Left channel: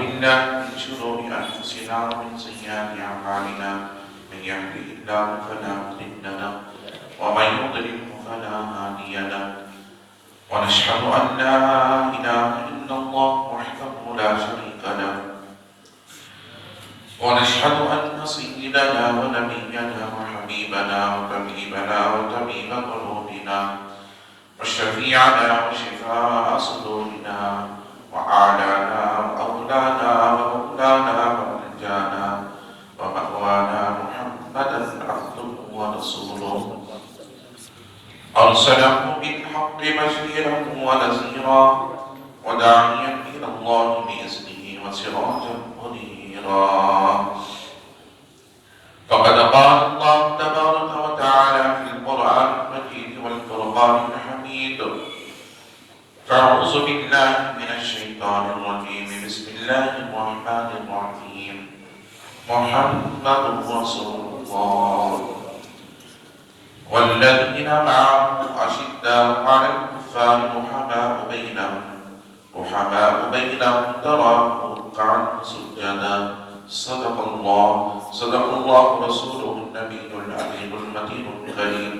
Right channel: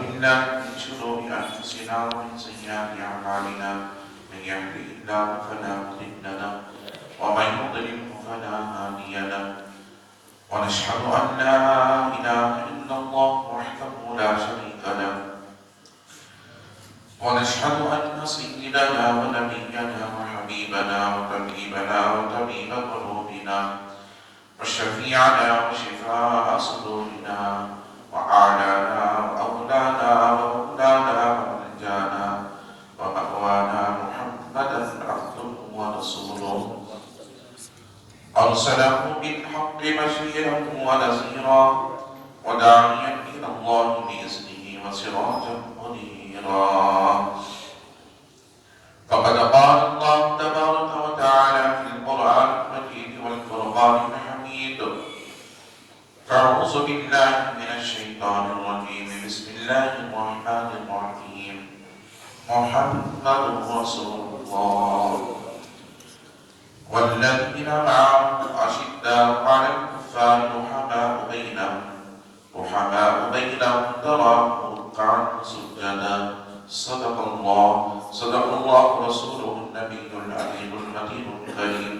بالله من شرور أنفسنا ومن سيئات أعمالنا من يهده الله فلا مضل له ومن يضلل فلا هادي له ونشهد أن لا إله إلا الله وحده لا شريك له ونشهد أن سيدنا ونبينا وحبيبنا وطبيبنا وطبيب قلوبنا وشفيعنا وشفاء صدورنا وأعلانا وأولانا ومولانا ومرجانا ومأوانا محمدا عبده ورسوله أرسله بالحق بشيرا ونذيرا وداعيا إلى الله بإذنه وسراجا منيرا فقد قال الله تبارك وتعالى في القرآن المجيد والفرقان الحميد فأعوذ بالله من الشيطان الرجيم بسم الله الرحمن الرحيم محمد رسول الله والذين معه أشداء على الكفار رحماء بينهم تراهم ركعا سجدا صدق الله رسوله النبي العليم المتين الكريم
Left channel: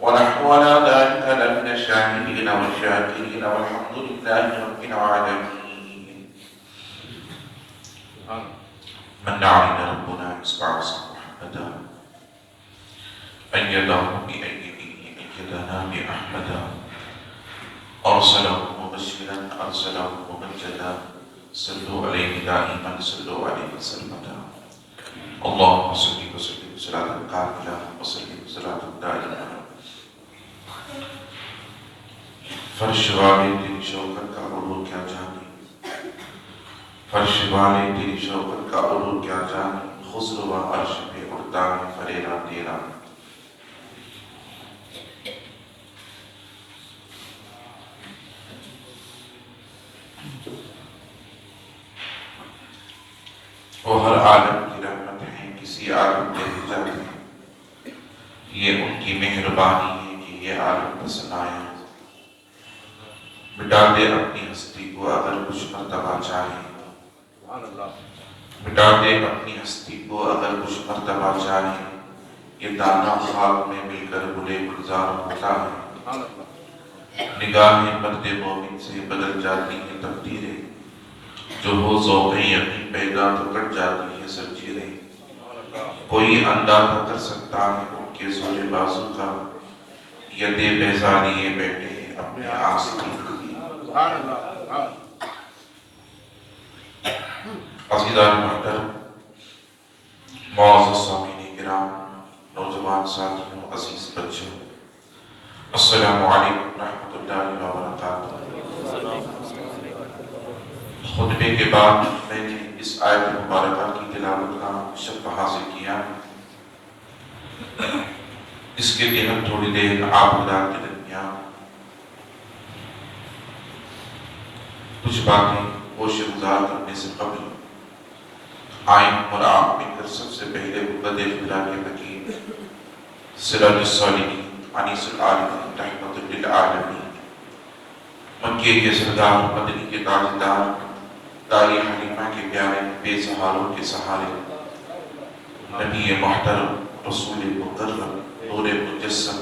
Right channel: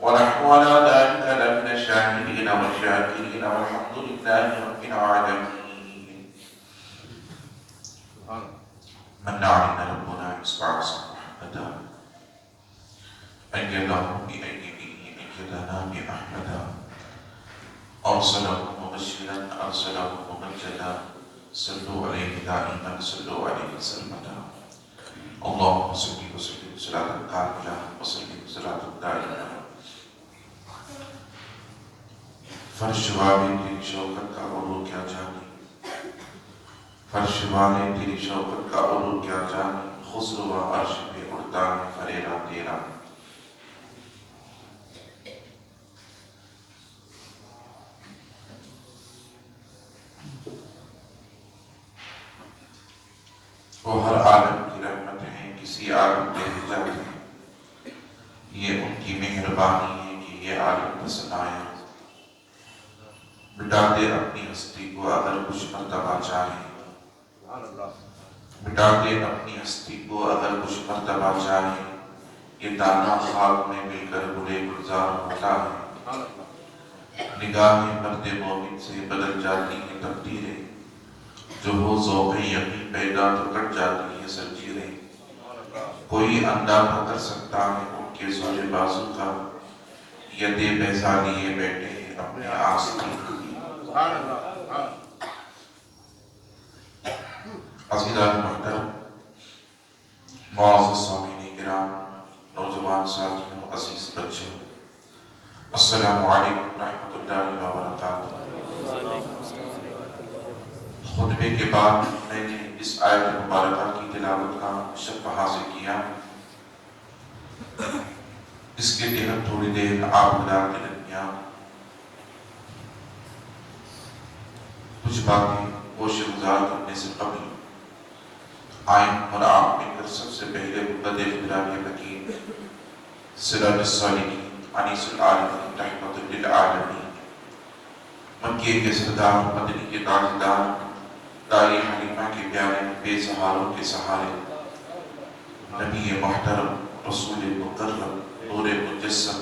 ونحن على ذلك لمن الشاهدين والشاكرين والحمد لله رب العالمين. من علينا ربنا يسمع محمدا أيده أيدنا بأحمدا أرسله مبشرا أرسله ممجدا صلوا عليه دائما صلوا عليه سلمدا اللهم صل وسلم صلاة كاملة وسلم صلاة دائمة. فرش والے تیری شوکت کا عروج کیا جانے فرش والے تیری شوکت کا عروج کیا جانے خضر و عرش پہ اڑتا ہے فریرا تیرا. وہ ہر عالم کی رحمت ہے کسی عالم کے رضا ہے یہ ان کی مہربانی ہے کہ یہ عالم پسند آیا. مٹا دے اپنی ہستی کو اگر کچھ مرتبہ چاہے مٹا دے اپنی ہستی کو اگر کچھ مرتبہ چاہے یہ دانا خواب میں مل کر گلے گلزار ہوتا ہے. نگاہیں مرد مومن سے بدل جاتی ہیں تقدیریں جو ہو ذوق یقین پیدا تو کٹ جاتی ہیں زنجیریں. کوئی اندازہ کر سکتا ہے ان کے زور بازو کا یدے بیضا لیے بیٹھے ہیں اپنے آسمان. عزیزان محترم معزز سامعین کرام نوجوان ساتھیوں عزیز بچوں السلام علیکم ورحمۃ اللہ وبرکاتہ. خطبے کے بعد میں نے اس آیت مبارکہ کی تلاوت کا شرف حاصل کیا. اس کے تحت تھوڑی دیر آپ حضرات کے درمیان کچھ باتیں ہوش گزار کرنے سے قبل آئیں اور آپ مل کر سب سے پہلے خدا خدا کے حکیم سراج الصالحین انیس العالمین رحمۃ للعالمین مکے کے سردار مدنی کے تاجدار دائی حلیمہ کے پیارے بے سہاروں کے سہارے نبی محترم رسول مکرم نور مجسم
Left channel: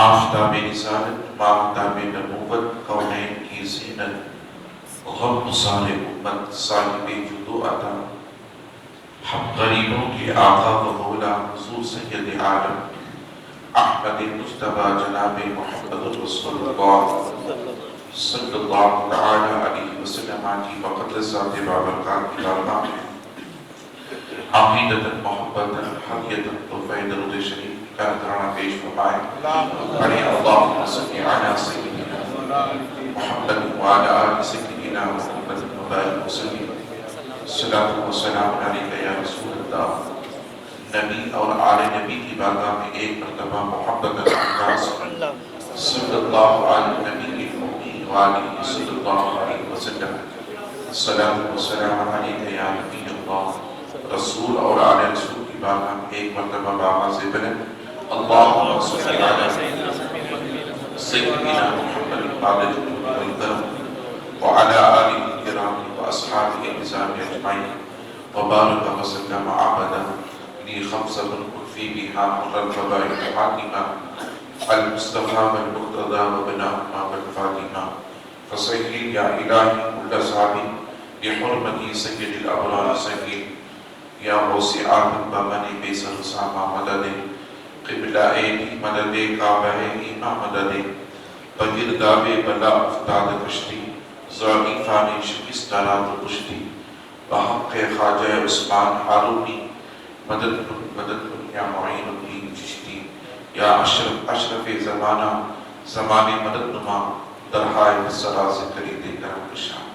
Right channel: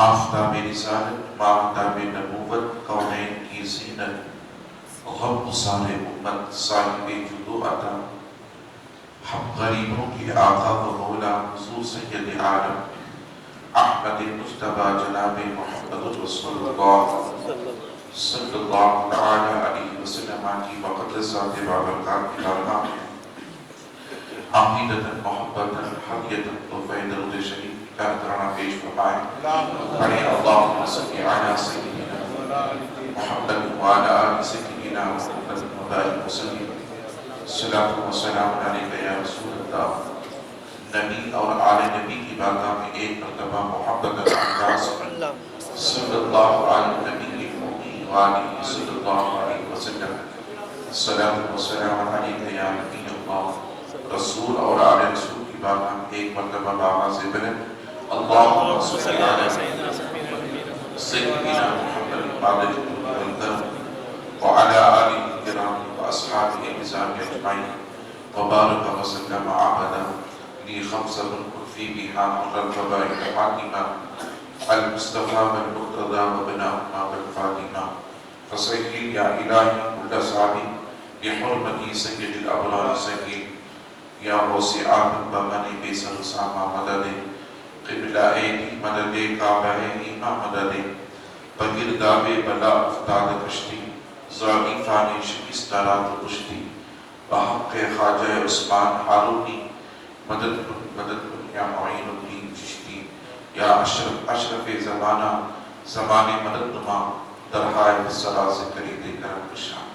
آفتاب رسالت ماہتاب نبوت کونین کی زینت غم سار امت صاحب جدو عطا حق غریبوں کے آقا و مولا حضور سید عالم احمد مجتبی جناب محمد رسول اللہ صلی اللہ تعالی علیہ وسلم کی وقت ذات بابرکات کی دربار میں عقیدت محبت حریت توفید رض شریف کا کرنا پیش فرمائے. بڑے اللہم صلی علی سیدنا محمد وعلی آل سیدنا محمد مبارک وسلم. صلاۃ و سلام علیکہ یا رسول اللہ. نبی اور آل نبی کی بارگاہ میں ایک مرتبہ محبت انداز صلی اللہ علیہ نبی وآلہ صلی اللہ علیہ وسلم. صلاۃ و سلام علیکہ یا نبی اللہ. رسول اور آل رسول کی بارگاہ میں ایک مرتبہ بآواز بلند اللہم صلی علی سیدنا محمد وعلی آلہ الکرام وأصحابه الكرام أجمعين وبارك وسلم عبده لخمسة في بها مر الفضائل الحاكمة المصطفى والمقتدى وبناؤنا والفاطمة فصل يا إلهي كل صعب بحرمة سيد الأبرار سيد يا وسع البمان بيسر ساما مدد قبلہ مدد کعبہ مدد بگرداب بلا افتاد کشتی زاغی خانی شکست رات کشتی بحق خواجہ عثمان ہارونی مدد یا معین الدین چشتی یا اشرف زمانہ زمانی مدد نما درہائے سرا سے کری دے کرم شان۔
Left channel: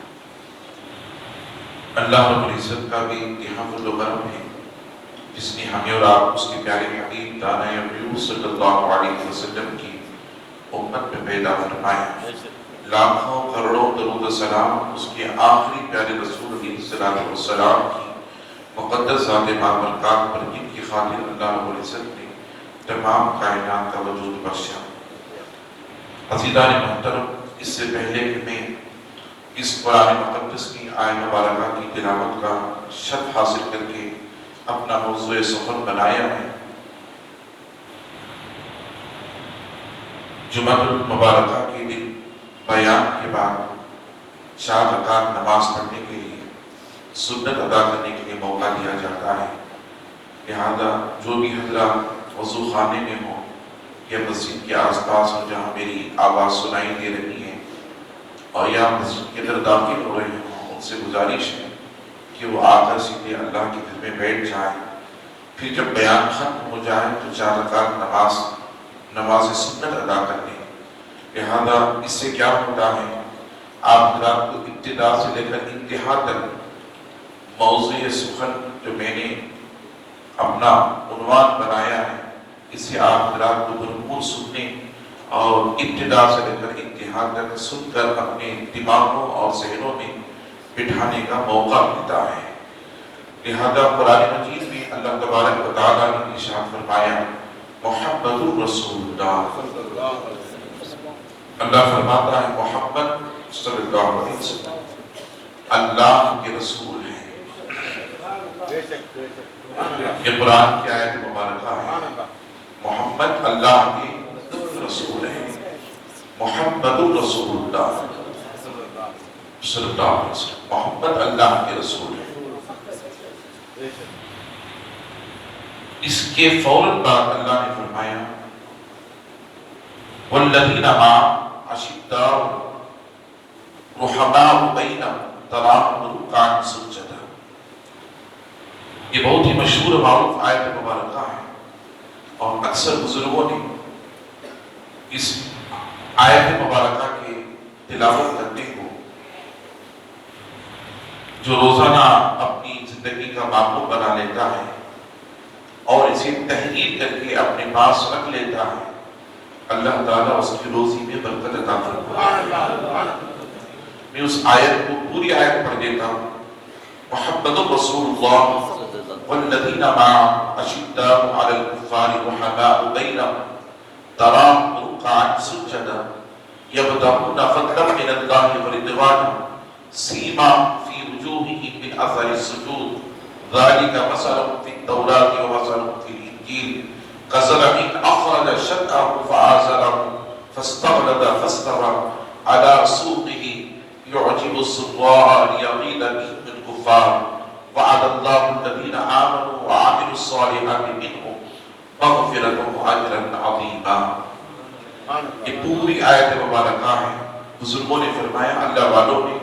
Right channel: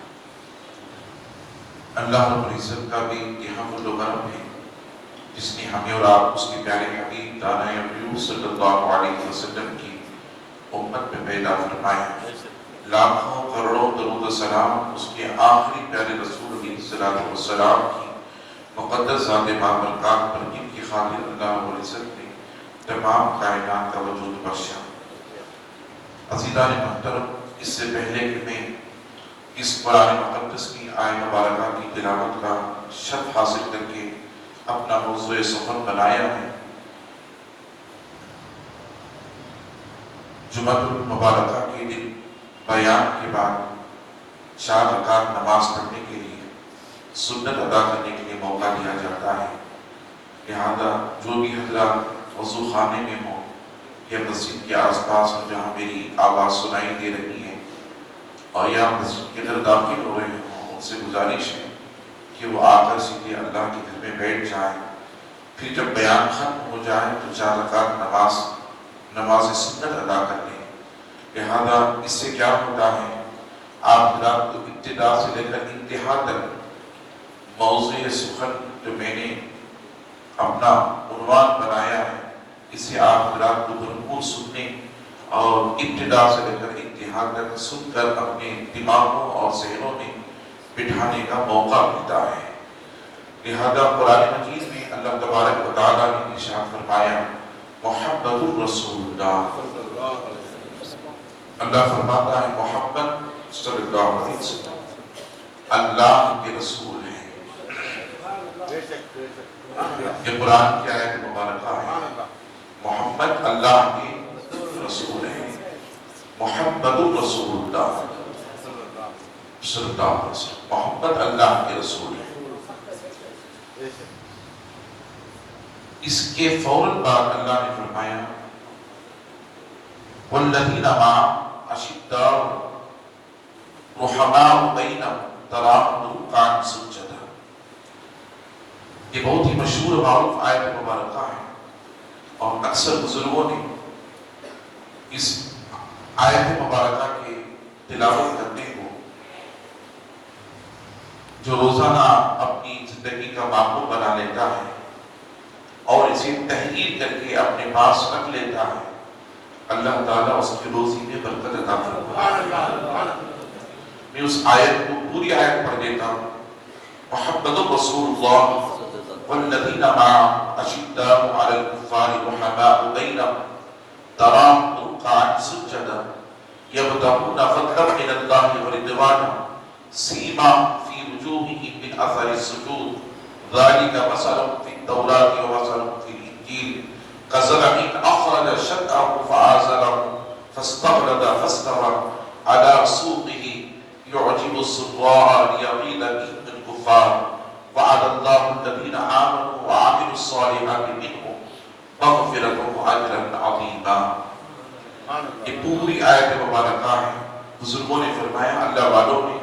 اللہ رب العزت کا بھی امتحان و کرم ہے جس نے ہمیں اور آپ اس کے پیارے حبیب دانا حبیب صلی اللہ علیہ وسلم کی امت میں پیدا فرمایا۔ لاکھوں کروڑوں درود و سلام اس کے آخری پیارے رسول علیہ السلام کی مقدس ذات بابرکات پر جن کی خاطر اللہ رب العزت نے تمام کائنات کا وجود بخشا۔ عزیزان محترم، اس سے پہلے کہ میں اس قرآن مقدس کی آیت مبارکہ کی تلاوت کا شرف حاصل کر کے اپنا موضوع سخن بنایا ہے، جمعہ المبارکہ کے دن بیان کے بعد 4 رکعت نماز پڑھنے کے لیے سنت ادا کرنے کے لیے موقع دیا جاتا ہے۔ لہذا جو بھی حضرات وضو خانے میں ہوں یا مسجد کے آس پاس ہوں جہاں میری آواز سنائی دے رہی ہے اور یا مسجد کے اندر داخل ہو رہے ہوں، ان سے گزارش ہے کہ وہ آ کر سیدھے اللہ کے گھر میں بیٹھ جائیں، پھر جب بیان ختم ہو جائے تو 4 رکعت نماز سنت ادا کر لیں۔ لہذا اس سے کیا ہوتا ہے، آپ حضرات کو ابتدا سے لے کر انتہا تک موضوع سخن جو میں نے اپنا عنوان بنایا ہے، اس سے آپ حضرات کو بھرپور سننے اور ابتدا سے لے کر انتہا تک سن کر اپنے دماغوں اور ذہنوں میں بٹھانے کا موقع ملتا ہے۔ لہذا قرآن مجید میں اللہ تبارک و تعالیٰ نے ارشاد فرمایا محمد رسول اللہ، اللہ فرماتا ہے محمد صلی اللہ علیہ وسلم اللہ کے رسول ہیں۔ یہ قرآن کی آیت مبارکہ ہے، محمد اللہ کے رسول ہیں، محمد رسول اللہ صلی اللہ علیہ وسلم، محمد اللہ کے رسول ہیں۔ اس کے فوراً بعد اللہ نے فرمایا والذین معه اشداء رحماء بینہم تراہم رکعا سجدا۔ یہ بہت ہی مشہور و معروف آیت مبارکہ ہے اور اکثر بزرگوں نے اس آیت مبارکہ کے تلاوت کرنے کو جو روزانہ اپنی زندگی کا معمول بنا لیتا ہے اور اسے تحریر کر کے اپنے پاس رکھ لیتا ہے، اللہ تعالیٰ اس کی روزی میں برکت عطا فرماتا ہے۔ میں اس آیت کو پوری آیت پڑھ دیتا ہوں۔ محمد رسول اللہ والذین معه اشداء علی الکفار رحماء بینہم تراہم رکعا سجدا یبتغون فضلا من اللہ ورضوانا سیماہم فی وجوہہم من اثر السجود ذلک مثلهم فی التوراۃ ومثلهم فی الانجیل كزرع أخرج شطأه فآزره فاستغلظ فاستوى على سوقه يعجب الزراع ليغيظ بهم الكفار وعد الله الذين آمنوا وعملوا الصالحات منهم مغفرة وأجرا عظيما۔ یہ پوری آیت مبارکہ ہے۔ بزرگوں نے فرمایا اللہ والوں نے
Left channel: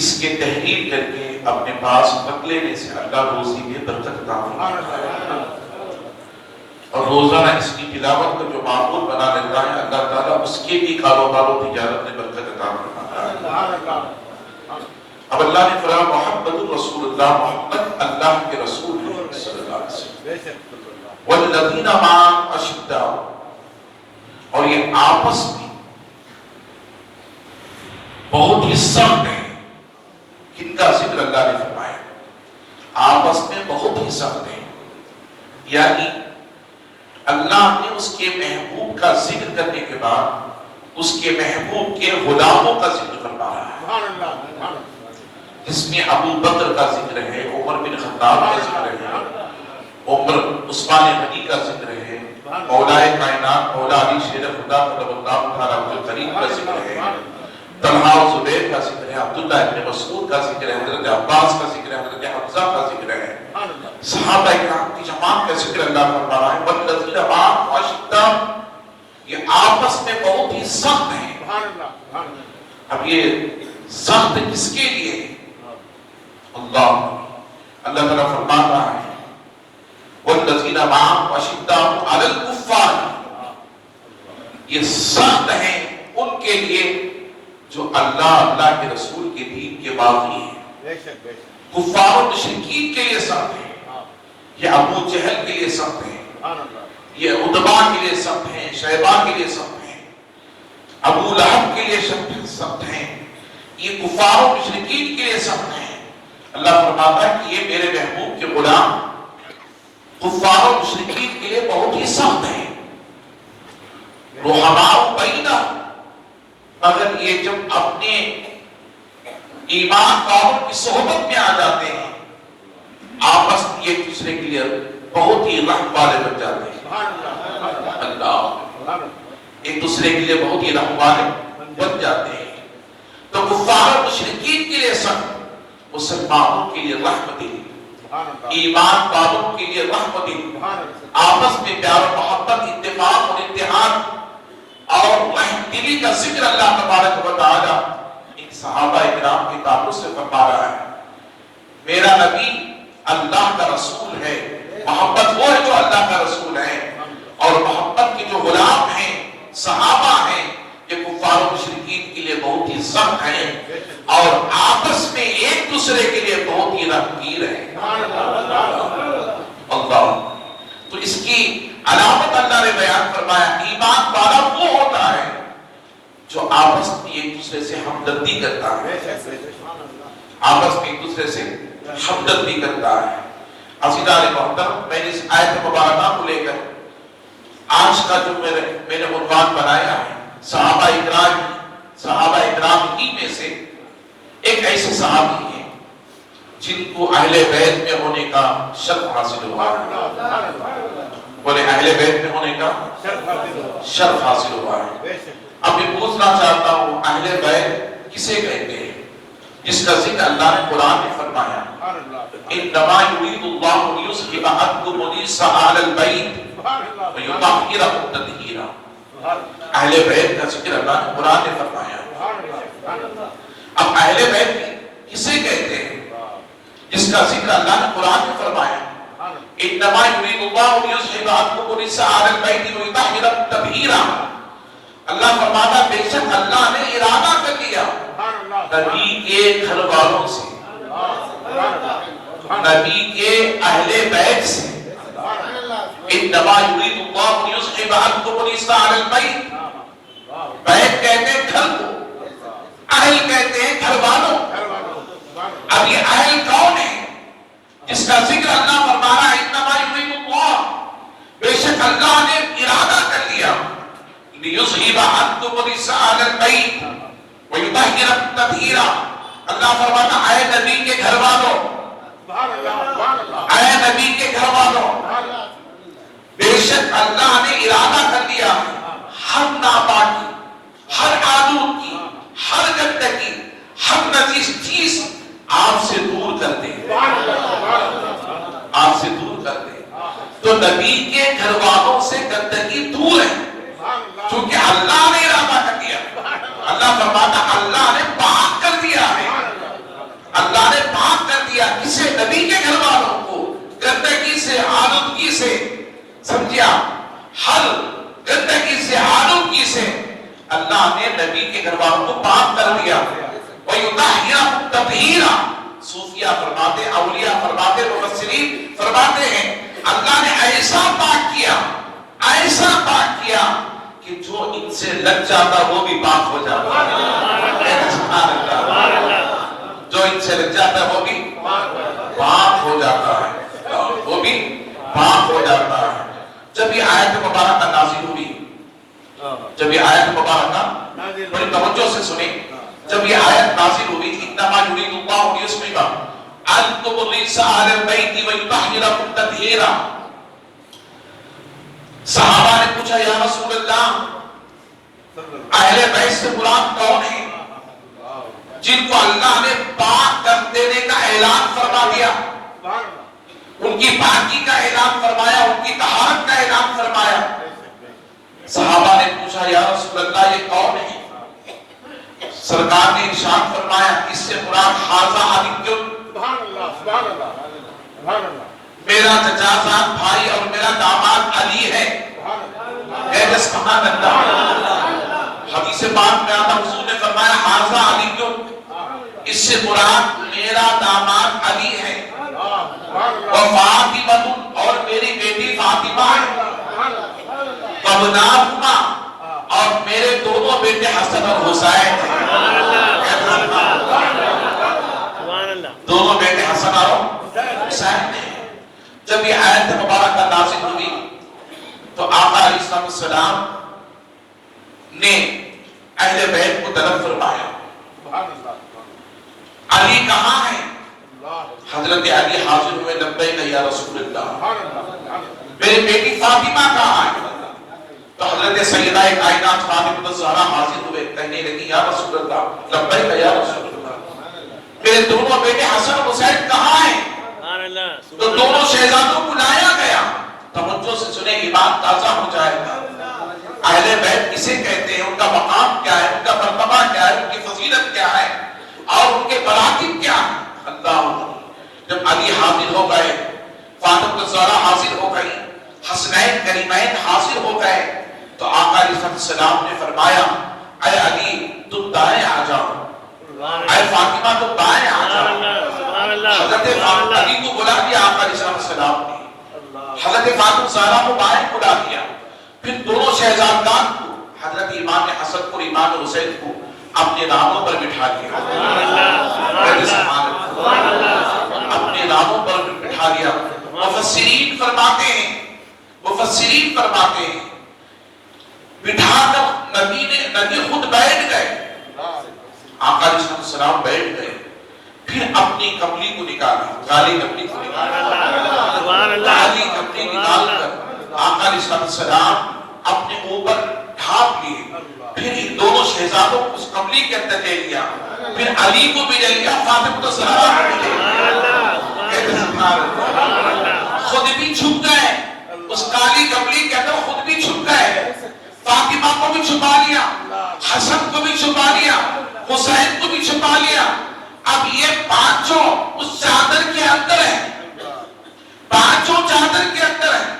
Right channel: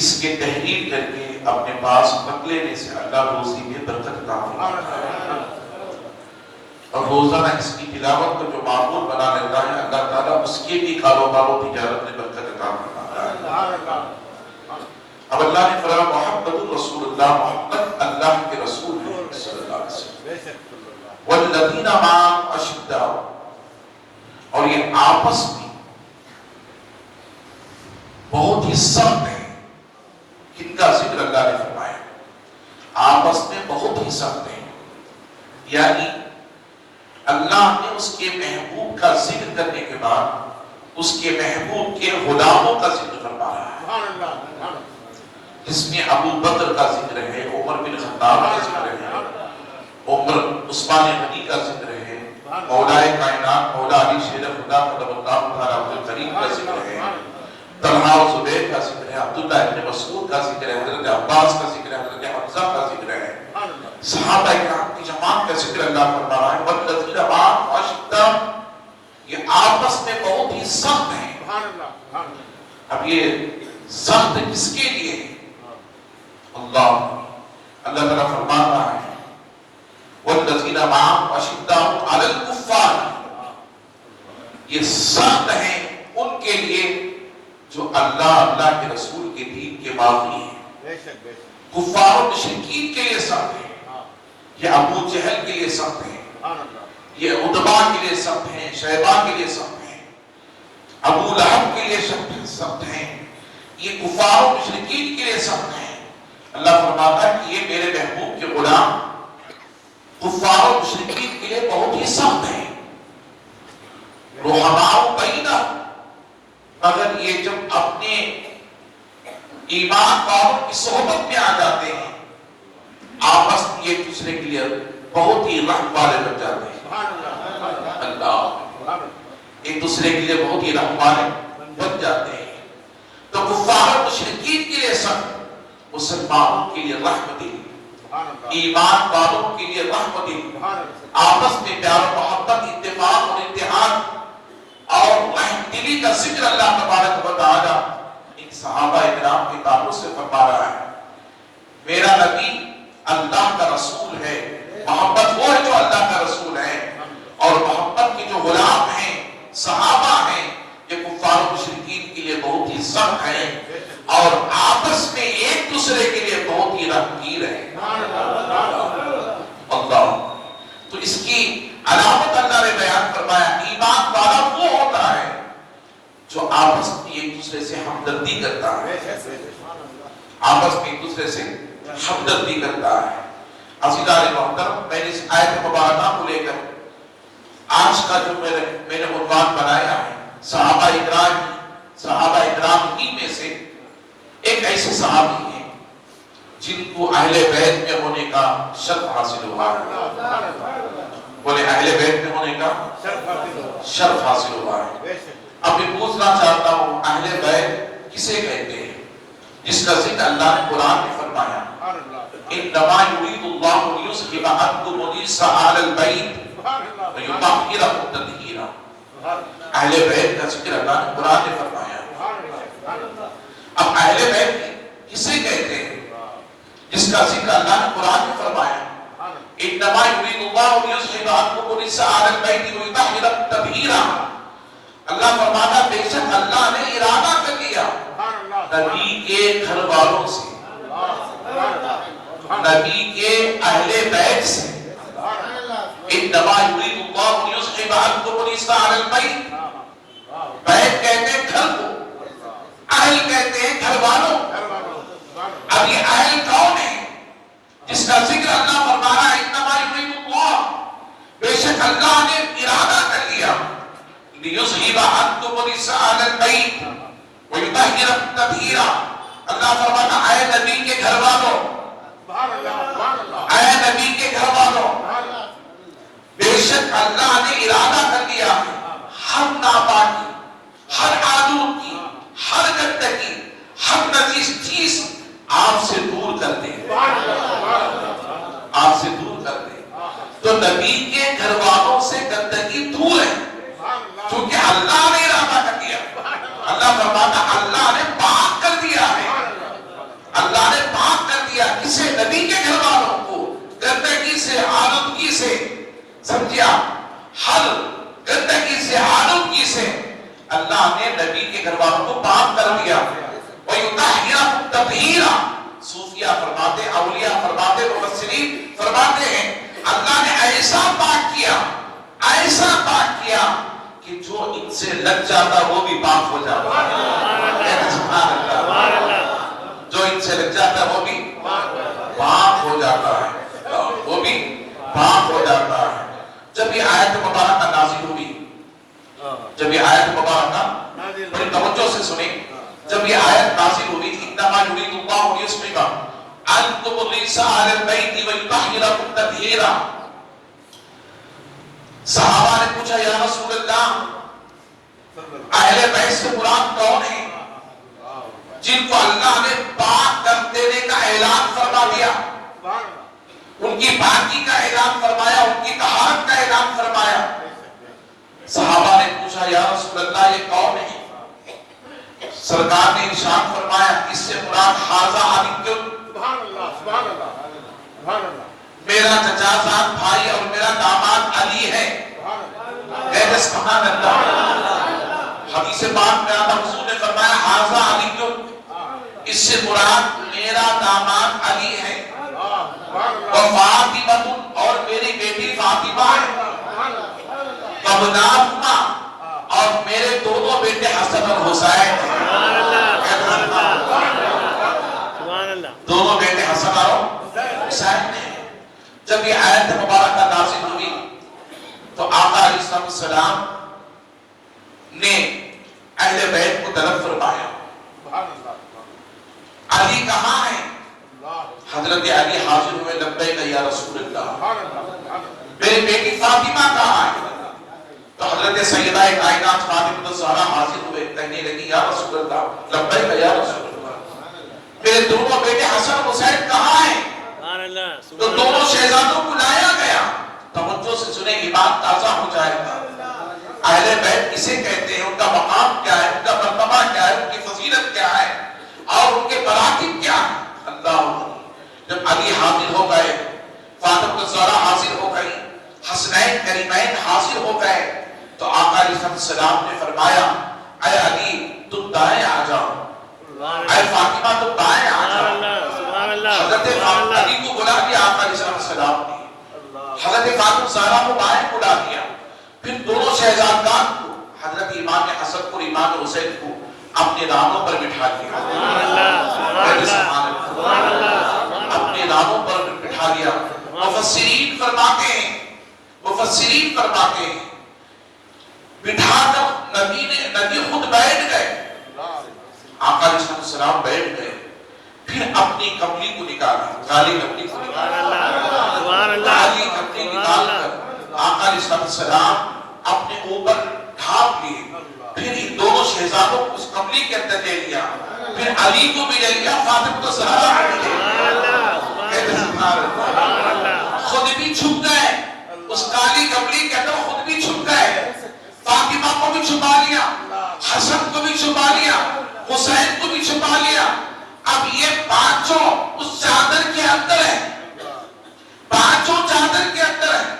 اس کے تحریر کر کے اپنے پاس رکھ لینے سے اللہ روزی میں برکت عطا فرماتا ہے، اور روزانہ اس کی تلاوت کو جو معمول بنا لیتا ہے اللہ تعالیٰ اس کے بھی کاروبار و تجارت میں برکت عطا فرماتا ہے۔ اب اللہ نے فرمایا محمد رسول اللہ، محمد اللہ کے رسول ہیں صلی اللہ علیہ وسلم، والذین معه اشداء، اور یہ آپس میں بہت ہی سخت ہے۔ کن کا ذکر اللہ نے فرمایا؟ آپس میں بہت ہی سخت ہے، یعنی اللہ نے اس کے محبوب کا ذکر کرنے کے بعد اس کے محبوب کے غلاموں کا ذکر فرمایا ہے۔ جس میں ابو بکر کا ذکر ہے، عمر بن خطاب کا ذکر ہے، عمر عثمان غنی کا ذکر ہے، مولائے کائنات مولا علی شیر خدا قدم اللہ تعالیٰ عبد الکریم کا ذکر ہے، طلحہ و زبیر کا ذکر ہے، عبداللہ ابن مسعود کا ذکر ہے، حضرت عباس کا ذکر ہے، حضرت حمزہ کا ذکر ہے، صحابہ کرام کی جماعت کا ذکر اللہ فرما رہا ہے۔ والذین معهم اشداء، یہ آپس میں بہت ہی سخت ہیں۔ اب یہ سخت کس کے لیے؟ اللہ تعالیٰ فرما رہا ہے والذین معهم اشداء علی الکفار، یہ سخت ہیں ان کے لیے جو اللہ کے رسول کے دین کے باغی ہیں۔ کفار و مشرکین کے لیے سخت ہیں، یہ ابو جہل کے لیے سخت ہیں، یہ عتبہ کے لیے سخت ہیں، شیبہ کے لیے سخت ہیں، ابو لہب کے لیے سخت ہیں، یہ کفار و مشرکین کے لیے سخت ہیں۔ اللہ فرماتا ہے کہ یہ میرے محبوب کے غلام کفار و مشرکین کے لیے بہت ہی سخت ہیں۔ رحماء بینہم، مگر یہ جب اپنے ایمان والوں کی صحبت میں آ جاتے ہیں آپس میں ایک دوسرے کے لیے بہت ہی رحم والے بن جاتے ہیں۔ اللہ ایک دوسرے کے لیے بہت ہی رحم والے بن جاتے ہیں۔ تو کفار و مشرکین کے لیے سخت، مسلمانوں کے لیے رحمتی، ایمان والوں کے لیے رحمتی، آپس میں پیار و محبت، اتفاق اور اتحاد اور رحم دلی کا ذکر اللہ تبارک و تعالی ان صحابہ اکرام کے تعلق سے فرما رہا ہے۔ میرا نبی اللہ کا رسول ہے، محبت وہ ہے جو اللہ کا رسول ہے، اور محبت کے جو غلام ہیں صحابہ ہیں یہ کفار و مشرکین کے لیے بہت ہی سخت ہیں اور آپس میں ایک دوسرے کے لیے بہت ہی رحمگیر ہیں۔ اللہ تو اس کی علامت اللہ نے بیان فرمایا، ایمان والا وہ ہوتا ہے جو آپس میں ایک دوسرے سے ہمدردی کرتا ہے، آپس میں ایک دوسرے سے ہمدردی کرتا ہے۔ عزیزان محترم، میں نے اس آیت مبارکہ کو لے کر آج کا جو میں نے عنوان بنایا ہے صحابہ اکرام ہی میں سے ایک ایسے صحابی ہیں جن کو اہل بیت میں ہونے کا شرف حاصل ہوا ہے۔ بولے اہل بیت میں ہونے کا شرف حاصل ہوا ہے۔ اب میں پوچھنا چاہتا ہوں اہل بیت کسے کہتے ہیں؟ جس کا ذکر اللہ نے قرآن میں فرمایا، انما یرید اللہ لیذھب عنکم الرجس اہل البیت ویطہرکم تطہیرا۔ اہل بیت کا ذکر اللہ نے قرآن میں فرمایا۔ اب اہل بیت کسے کہتے ہیں؟ جس کا ذکر اللہ نے قرآن میں فرمایا، انما یرید اللہ لیذھب عنکم الرجس اہل البیت ویطہرکم تطہیرا۔ اللہ فرماتا بے شک اللہ نے ارادہ کر لیا نبی کے گھر والوں سے، نبی کے اہل بیت سے، انما یرید اللہ لیذھب عنکم الرجس اہل البیت، بیت کہتے ہیں گھر کو، اہل کہتے ہیں گھر والوں۔ اب یہ اہل کون ہے جس کا ذکر اللہ فرما رہا ہے؟ انما یرید اللہ، بے شک اللہ نے ارادہ کر لیا لیذھب عنکم الرجس اہل البیت ویطہرکم تطہیرا۔ اللہ فرماتا اے نبی کے گھر والوں، اے نبی کے گھر والوں، بے شک اللہ نے ارادہ کر لیا ہر ناپاکی، ہر آلودگی، ہر گندگی، ہر نجس چیز آپ سے دور کر دیں، آپ سے دور کر دیں۔ تو نبی کے گھر والوں سے گندگی دور ہے کیونکہ اللہ نے ارادہ کر دیا۔ اللہ فرماتا اللہ نے پاک کر دیا ہے، اللہ نے پاک کر دیا کسے؟ نبی کے گھر والوں کو گندگی سے، آلودگی سے، سمجھیا؟ ہر گندگی سے، آلودگی سے اللہ نے نبی کے گھر والوں کو پاک کر دیا۔ وَيُطَهِّرَكُمْ تَطْهِيرًا، صوفیہ فرماتے، اولیاء فرماتے، مفسرین فرماتے ہیں اللہ نے ایسا پاک کیا، ایسا پاک کیا کہ جو ان سے لگ جاتا وہ بھی پاک ہو جاتا ہے۔ جو ان سے لگ جاتا وہ بھی پاک ہو جاتا ہے، وہ بھی پاک ہو جاتا ہے۔ جب یہ آیت مبارکہ نازل ہوئی، جب یہ آیت مبارکہ بڑی توجہ سے سنیں، جب یہ آیت نازل ہوئی انما یرید اللہ لیذھب انتم الرجس اہل البیت ویطہرکم تطہیرا. صحابہ نے پوچھا یا رسول اللہ اہل بیت سے مراد کون ہے جن کو اللہ نے پاک کر دینے کا اعلان فرما دیا, ان کی پاکی کا اعلان فرمایا, ان کی طہارت کا اعلان فرمایا. صحابہ نے پوچھا یا رسول اللہ یہ کون ہے؟ سرکار نے ارشاد فرمایا اس سے مراد حاذا علی. سبحان اللہ سبحان اللہ سبحان اللہ, میرا چچازاد بھائی اور میرا داماد علی ہے. سبحان اللہ. حدیث پاک میں آتا حضور نے فرمایا حاذا علی, اس سے مراد میرا داماد علی ہے, اور فاطمہ اور میری بیٹی فاطمہ ہے, وابناہما اور میرے دونوں بیٹے حسن اور حسین ہیں. دونوں بیٹے حسن اور حسین نے. جب یہ آیت مبارکہ نازل ہوئی تو آقا علیہ السلام نے اہل بیت کو طلب فرمایا علی کہاں ہے؟ حضرت علی حاضر ہوئے لبیک یا رسول اللہ. میری بیٹی فاطمہ کہاں ہے؟ تو حضرت سیدہ کائنات فاطمہ الزہرا حاضر ہوئے, کہنے لگی یا رسول اللہ لبیک یا رسول اللہ میرے دونوں بیٹے حسن اور حسین کہاں ہیں؟ تو دونوں شہزادوں کو لایا گیا. توجہ سے سنیں گی بات تازہ ہو جائے گا. اہل بیت کسے کہتے ہیں, ان کا مقام کیا ہے, ان کا مرتبہ کیا ہے, ان کی فضیلت کیا ہے اور ان کے مراتب کیا ہے. اللہ جب علی حاضر ہو گئے, فاطمہ الزہرا حاضر ہو گئی, حسنین کریمین حاضر ہو گئے, تو آقا علیہ السلام نے فرمایا اے علی تم دائیں آ جاؤ, اے فاطمہ تم بائیں آ جاؤ. حضرت علی کو بلا دیا آقا علیہ السلام نے, حضرت فاطمہ الزہرا کو بائیں بلا دیا, پھر دونوں شہزادگان کو حضرت امام حسن کو امام حسین کو اپنے رانوں پر بٹھا دیا, اپنے رانوں پر بٹھا دیا. مفسرین فرماتے ہیں بٹھا کر نبی خود بیٹھ گئے, آقا علیہ السلام بیٹھ گئے, پھر اپنی کملی کو نکالا, کالی کملی کو نکالا, کالی کملی نکال کر آقا علیہ السلام اپنے اوپر ڈھانپ لیے, پھر ان دونوں شہزادوں کو اس کملی کے اندر لے لیا, پھر علی کو بھی لے لیا, فاطمہ الزہرا کو بھی لے لیا, خود بھی چھپ گئے اس کالی کملی کے اندر, خود بھی چھپ گئے, فاطمہ کو بھی چھپا لیا, حسن کو بھی چھپا لیا, حسین کو بھی چھپا لیا. اب یہ پانچوں اس چادر کے اندر ہیں, پانچوں چادر کے اندر ہیں.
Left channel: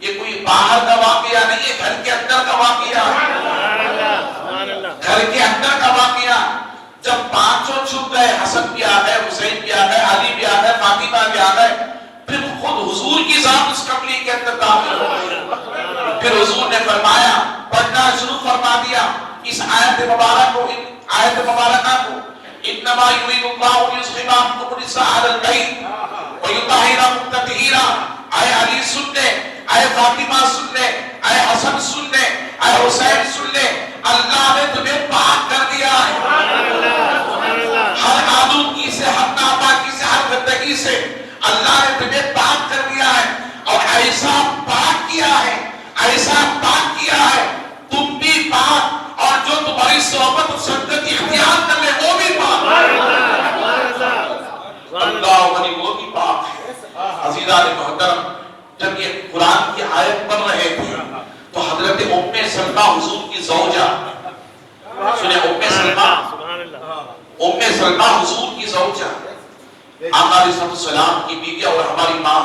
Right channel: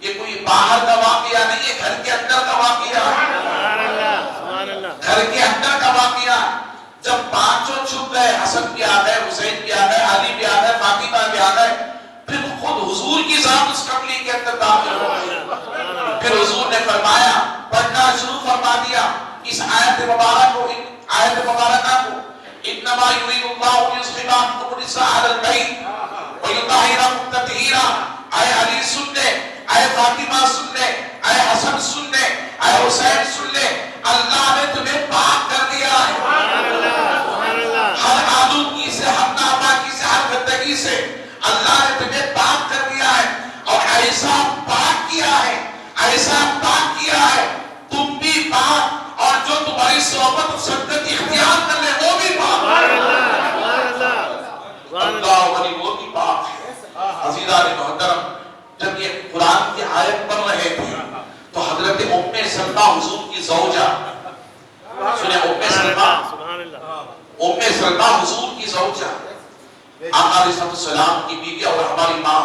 یہ کوئی باہر کا واقعہ نہیں ہے, گھر کے اندر کا واقعہ, گھر کے اندر کا واقعہ. جب پانچوں چھپ گئے, حسن بھی آ گئے, حسین بھی آ گئے, علی بھی آ گئے, فاطمہ بھی آ گئے, پھر خود حضور کی ذات اس کملی کے اندر داخل ہو گئی. پھر حضور نے فرمایا, پڑھنا شروع فرما دیا اس آیت مبارکہ کو, انما یرید اللہ لیذھب عنکم الرجس اہل البیت ویطہرکم تطہیرا. اے علی سن لے, اے فاطمہ سن لے, اے حسن سن لے, اے حسین سن لے, اللہ نے تمہیں پاک کر دیا ہے ہر آلودگی سے, ہر ناپاکی سے, ہر گندگی سے. اللہ نے تمہیں پاک کر دیا ہے, اور ایسا پاک کیا ہے, ایسا پاک کیا ہے, تم بھی پاک, اور جو تمہاری صحبت و سنگت اختیار کر لے وہ بھی پاک. اللہ ولی وہ بھی پاک ہے. عزیزان محترم, جب یہ قرآن کی آیت پڑھ رہے تھے تو حضرت ام سلمہ حضور کی زوجہ, سنیں ام سلمہ حضور کی زوجہ, آقا علیہ السلام کی بیوی اور ہماری ماں,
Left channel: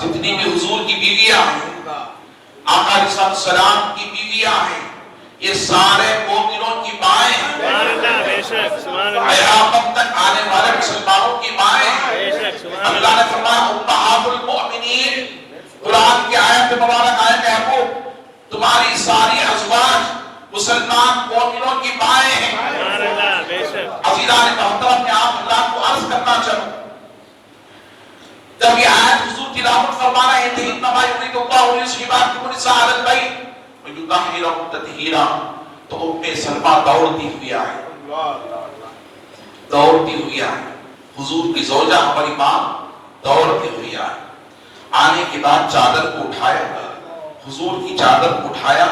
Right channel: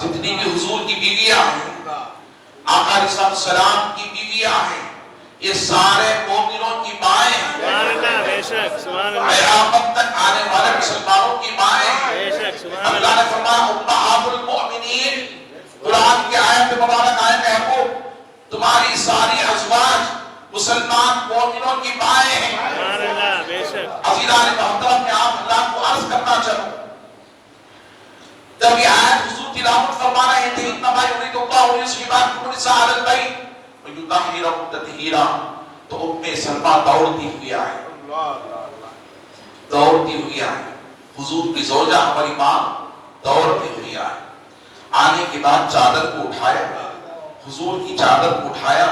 جتنی بھی حضور کی بیویاں ہیں, آقا علیہ السلام کی بیویاں ہیں, یہ سارے مومنوں کی مائیں ہیں, قیامت تک آنے والے مسلمانوں کی مائیں ہیں. اللہ نے فرمایا امہات المؤمنین, قرآن کی آیت مبارک آئے محبوب, تمہاری ساری ازواج مسلمان مومنوں کی مائیں ہیں. عزیزان محترم, میں آپ اللہ کو عرض کرنا چاہوں, جب یہ آیت حضور تلاوت فرما رہے تھے انما یرید اللہ لیذھب عنکم الرجس اہل البیت ویطہرکم تطہیرا, تو ام سلمہ دوڑتی ہوئی آئی, دوڑتی ہوئی آئی. حضور کی زوجہ ہماری ماں دوڑتی ہوئی آئی، آنے کے بعد چادر کو اٹھایا، حضور کی چادر کو اٹھایا،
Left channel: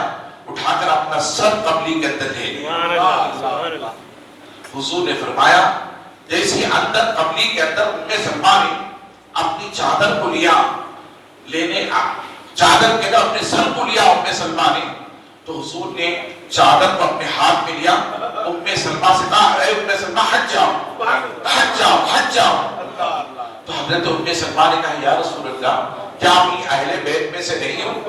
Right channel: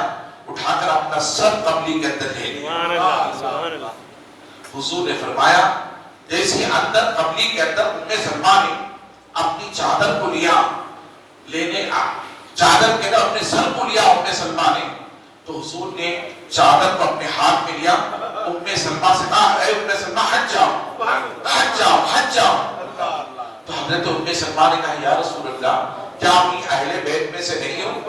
اٹھا کر اپنا سر قبلی کے اندر لے لیا۔ حضور نے فرمایا جیسے اندر قبلی کے اندر ام سلمہ نے اپنی چادر کو لیا، لینے چادر کے اندر اپنے سر کو لیا ام سلمہ نے، تو حضور نے چادر کو اپنے ہاتھ میں لیا، ام سلمہ سے کہا اے ام سلمہ حج جاؤ، حج جاؤ، حج جاؤ۔ تو حضرت ام سلمہ نے کہا یا رسول اللہ کیا میں اہل بیت میں سے نہیں ہوں؟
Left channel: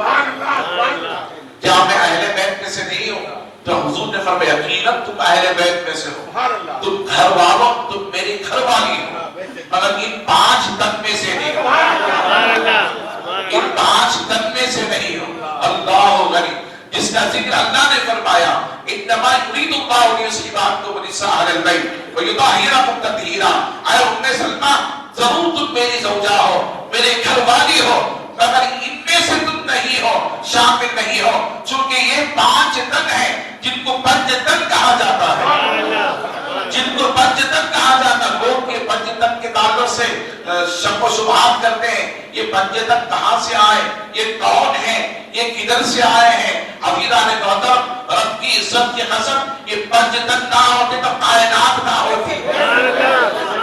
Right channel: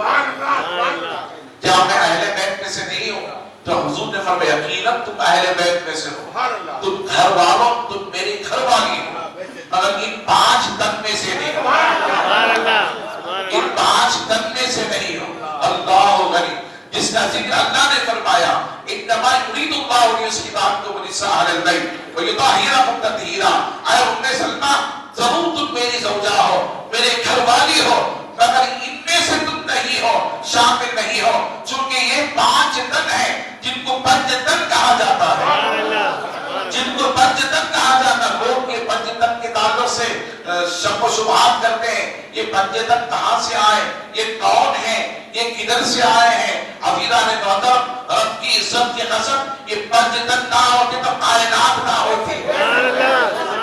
کیا میں اہل بیت میں سے نہیں ہوں؟ تو حضور نے فرمایا یقیناً تم اہل بیت میں سے ہو، تم گھر والوں، تم میری گھر والی ہو، مگر ان 5 تن میں سے نہیں ہو، ان 5 تن میں سے نہیں ہو۔ اللہ غنی، جس کا ذکر اللہ نے فرمایا انما یرید اللہ لیصلح النساء علی البیت ویطہرکم تطہیرا، اے ام سلمہ ضرور تم میری زوجہ ہو، میرے گھر والی ہو، مگر ان میں سے تم نہیں ہو، شامل نہیں ہو، چونکہ یہ 5 تن ہیں جن کو پنجتن کہا جاتا ہے، جن کو پنجتن کہا جاتا ہے۔ لوگ یہ پنجتن کے تعلق سے شک و شبہات کرتے ہیں، یہ پنجتن کہاں سے آئے، یہ کون ہیں، یہ کدھر سے آئے ہیں۔ عزیزان محترم، رب کی عزت کی قسم یہ پنجتن نہ ہوتے تو کائنات نہ ہوتی،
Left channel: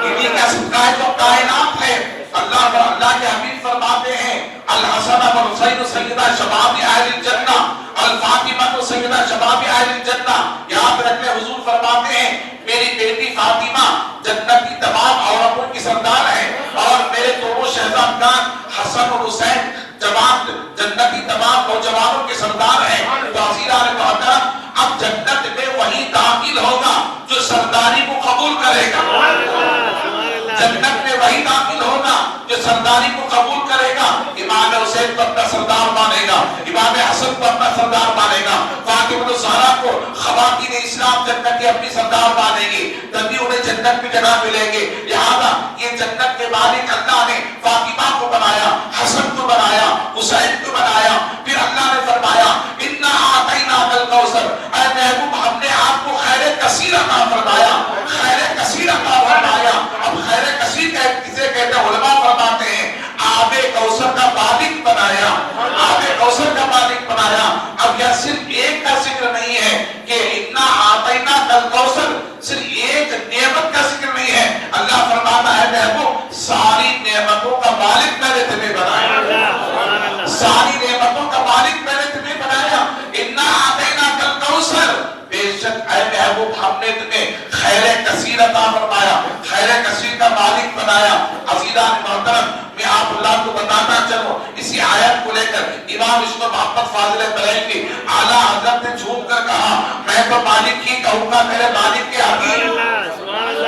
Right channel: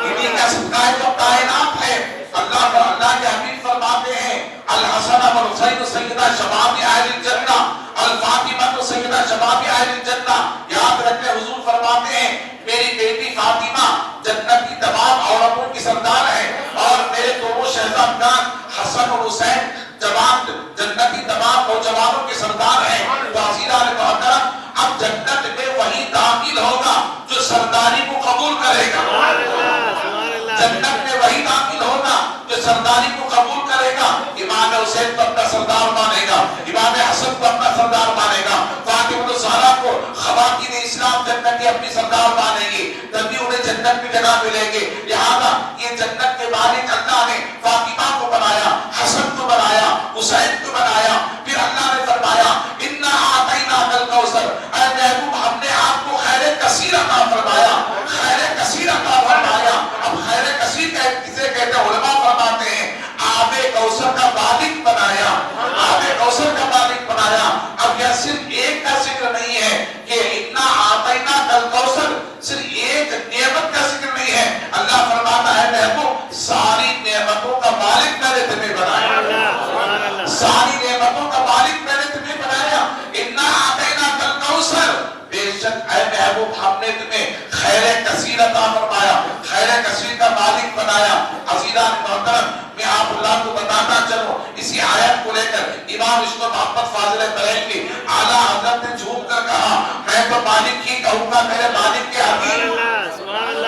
انہیں کا صدقہ ہے جو کائنات ہے۔ اللہ کے حبیب فرماتے ہیں الحسن والحسین سیدہ شباب اہل الجنہ، الفاطمہ سیدہ شباب اہل الجنہ۔ یاد رکھیں حضور فرماتے ہیں میری بیٹی فاطمہ جنت کی تمام عورتوں کی سردار ہے، اور میرے دونوں شہزادگان حسن اور حسین جنت کی تمام نوجوانوں کے سردار ہیں۔ تو عزیزان محترم، اب جنت میں وہی داخل ہوگا جو سرداری کو قبول کرے گا، جنت میں وہی داخل ہوگا جو سرداری کو قبول کرے گا۔ امام حسین کو اپنا سردار مانے گا، امام حسن کو اپنا سردار مانے گا، فاطمہ الزہرا کو خواتین اسلام جنت کی اپنی سردار مانے گی، تبھی انہیں جنت میں جگہ ملے گی۔ لہذا یہ جنت کے مالک اللہ نے فاطمہ کو بنایا، حسن کو بنایا، حسین کو بنایا، پھر اللہ نے فرمایا انا اعطیناک الکوثر، اے محبوب ہم نے آپ کو خیر کثیر عطا فرمایا، خیر کثیر عطا فرمایا۔ اب خیر کثیر کسے کہتے ہیں؟ علماء فرماتے ہیں آب کوثر کا مالک بنایا، آب کوثر کا مالک بنایا۔ اب یہ صرف ایک کا ذکر نہیں ہے کہ انا اعطیناک الکوثر، صرف ایک نعمت کا ذکر نہیں ہے، اللہ فرماتا ہے محبوب ساری نعمتوں کا مالک میں نے تمہیں بنایا، ساری نعمتوں کا مالک میں نے تمہیں بنایا۔ انا اعطیناک الکوثر، بے شک اے محبوب ہم نے تمہیں خیر کثیر عطا فرمایا، خیر کثیر کا مالک بنایا۔ عزیزان محترم، میں آپ اللہ کو بتانا چلوں اسی آیت کو لے کر امام عشق و محمد فاضل بریلوی کی اعلیٰ حضرت نے جھوم کر کہا میں تو مالک ہی کہوں گا میرے مالک کے حبیب،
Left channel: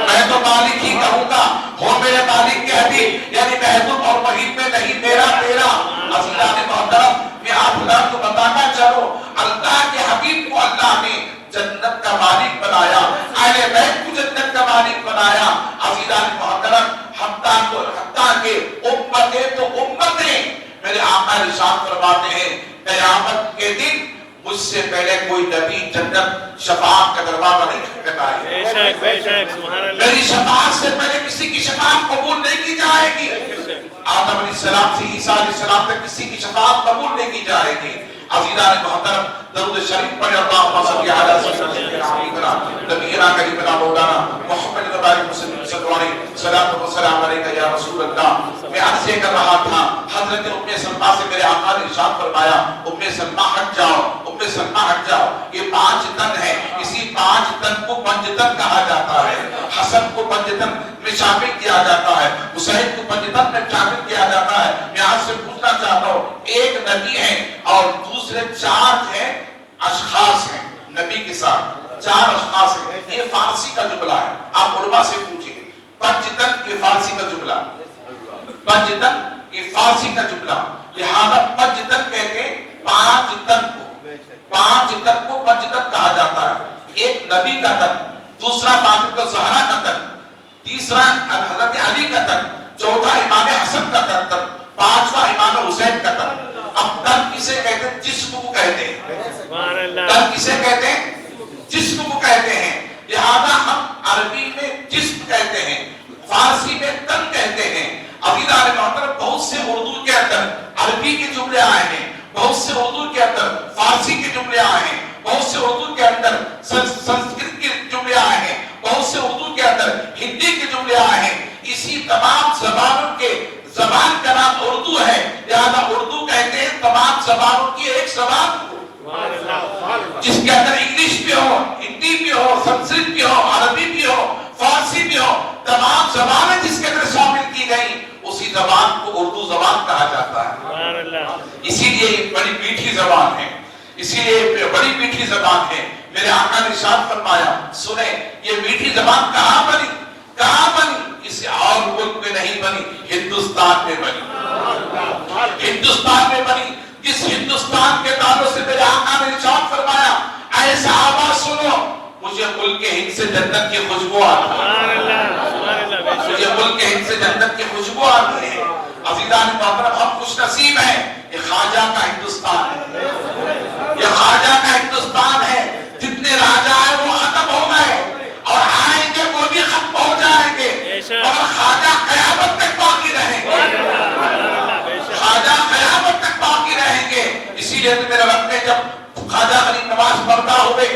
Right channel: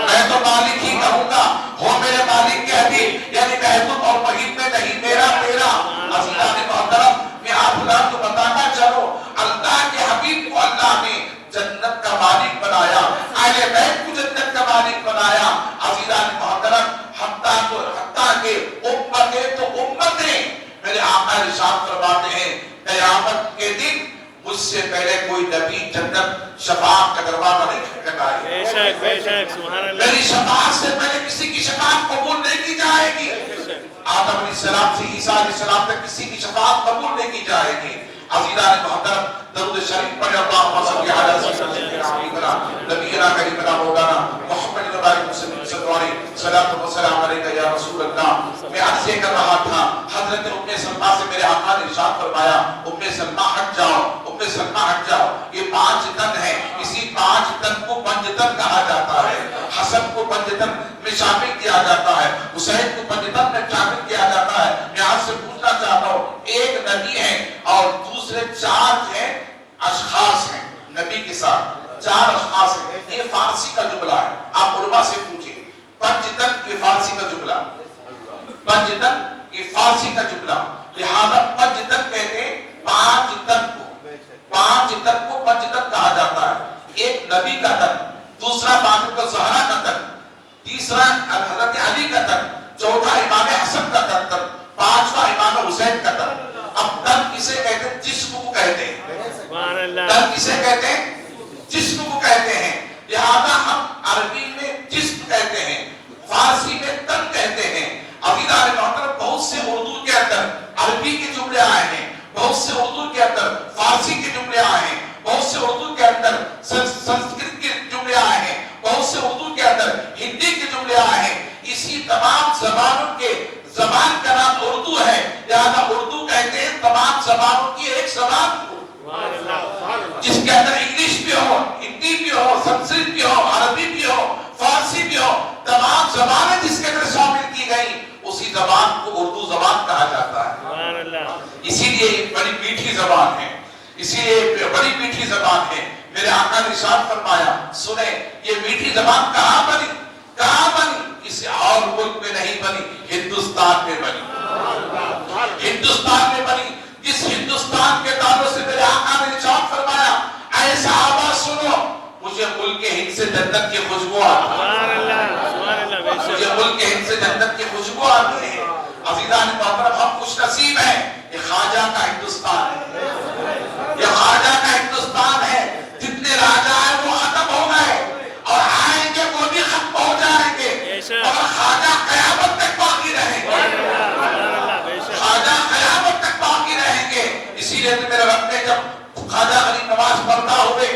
میں تو مالک ہی کہوں گا ہو میرے مالک کے حبیب، یعنی محبوب اور محیط میں نہیں میرا میرا۔ عزیزان محترم، میں آپ اللہ کو بتانا چلوں اللہ کے حبیب کو اللہ نے جنت کا مالک بنایا، اہل بیت کو جنت کا مالک بنایا۔ عزیزان محترم، حتیٰ کہ امتیں تو امتیں، میرے آقا ارشاد فرماتے ہیں قیامت کے دن مجھ سے پہلے کوئی نبی جنت شفاعت کا دروازہ نہیں کھٹکھٹائے گا، میری شفاعت سے پہلے کسی کی شفاعت قبول نہیں کی جائے گی۔ آدم علیہ السلام سے عیسیٰ علیہ السلام تک کسی کی شفاعت قبول نہیں کی جائے گی۔ عزیزان محترم، درود شریف پڑھیں اللہم صلی علی سیدنا نبینا کریمنا مولانا محمد وعلی وسلم صلاۃ و سلام علیک یا رسول اللہ۔ میں عرض کر رہا تھا حضرت ام سلمہ سے میرے آقا نے ارشاد فرمایا ام سلمہ ہٹ جاؤ، ام سلمہ ہٹ جاؤ۔ یہ 5 تن ہے، اسی 5 تن کو پنجتن کہا جاتا ہے، حسن کو پنجتن میں شامل کیا جاتا ہے، حسین کو پنجتن میں شامل کیا جاتا ہے۔ میں آپ سے پوچھنا چاہتا ہوں ایک نبی ہے اور دوسرے 4 ہیں اشخاص ہیں، نبی کے ساتھ 4 اشخاص ہیں۔ یہ فارسی کا جملہ ہے، آپ علماء سے پوچھیں پنجتن یہ فارسی کا جملہ، پنجتن یہ فارسی کا جملہ، لہذا پنجتن کہتے ہیں 5 تن کو، 5 تن کو پنجتن کہا جاتا ہے۔ ایک نبی کا تن، دوسرا فاطمہ الزہرا کا تن، تیسرا حضرت علی کا تن، چوتھا امام حسن کا تن، 5واں امام حسین کا تن۔ اب تن کسے کہتے ہیں؟ جسم کو کہتے ہیں، تن کسے کہتے ہیں؟ جسم کو کہتے ہیں۔ لہذا ہم عربی میں جسم کہتے ہیں، فارسی میں تن کہتے ہیں. عزیزان محترم بہت سے اردو کے اندر عربی کے جملے آئے ہیں, بہت سے اردو کے اندر فارسی کے جملے آئے ہیں, بہت سے اردو کے اندر سنسکرت کے جملے آئے ہیں, بہت سے اردو کے اندر ہندی کے جملے آئے ہیں. اسی تمام زبانوں کے زبان کا نام اردو ہے, لہذا اردو کہتے ہیں تمام زبانوں کی ایک زبان کو, جس کے اندر انگلش بھی ہو, ہندی بھی ہو, سنسکرت بھی ہو, عربی بھی ہو, فارسی بھی ہو, تمام زبانیں جس کے اندر شامل کی گئی, اسی زبان کو اردو زبان کہا جاتا ہے. اسی لیے یہ بڑی میٹھی زبان ہے, اسی لیے بڑی میٹھی زبان ہے. میرے آقا نے ارشاد فرمایا, سنیں یہ میٹھی زبان کہاں بنی, کہاں بنی, کسی اور ملک میں نہیں بنی, ہندوستان میں بنی, ہندوستان میں بنی. جس ہندوستان کے تعلق سے میرے آقا نے ارشاد فرمایا, اے صحابہ سنو, مجھے ملک ہند سے جنت کی خوشبو آتی ہے, مجھے ملک ہند سے جنت کی خوشبو آتی ہے. عزیزان محترم ہم خوش نصیب ہیں, یہ خواجہ کا ہندوستان ہے, یہ خواجہ کا ہندوستان ہے. جتنے راجا ہیں وہ ختم ہو گئے اور آئیں گے وہ بھی ختم ہو جائیں گے, اور خواجہ قیامت تک باقی رہیں گے, خواجہ قیامت تک باقی رہیں گے. اسی لیے میرے رب نے جب خواجہ غریب نواز پردہ ہوئے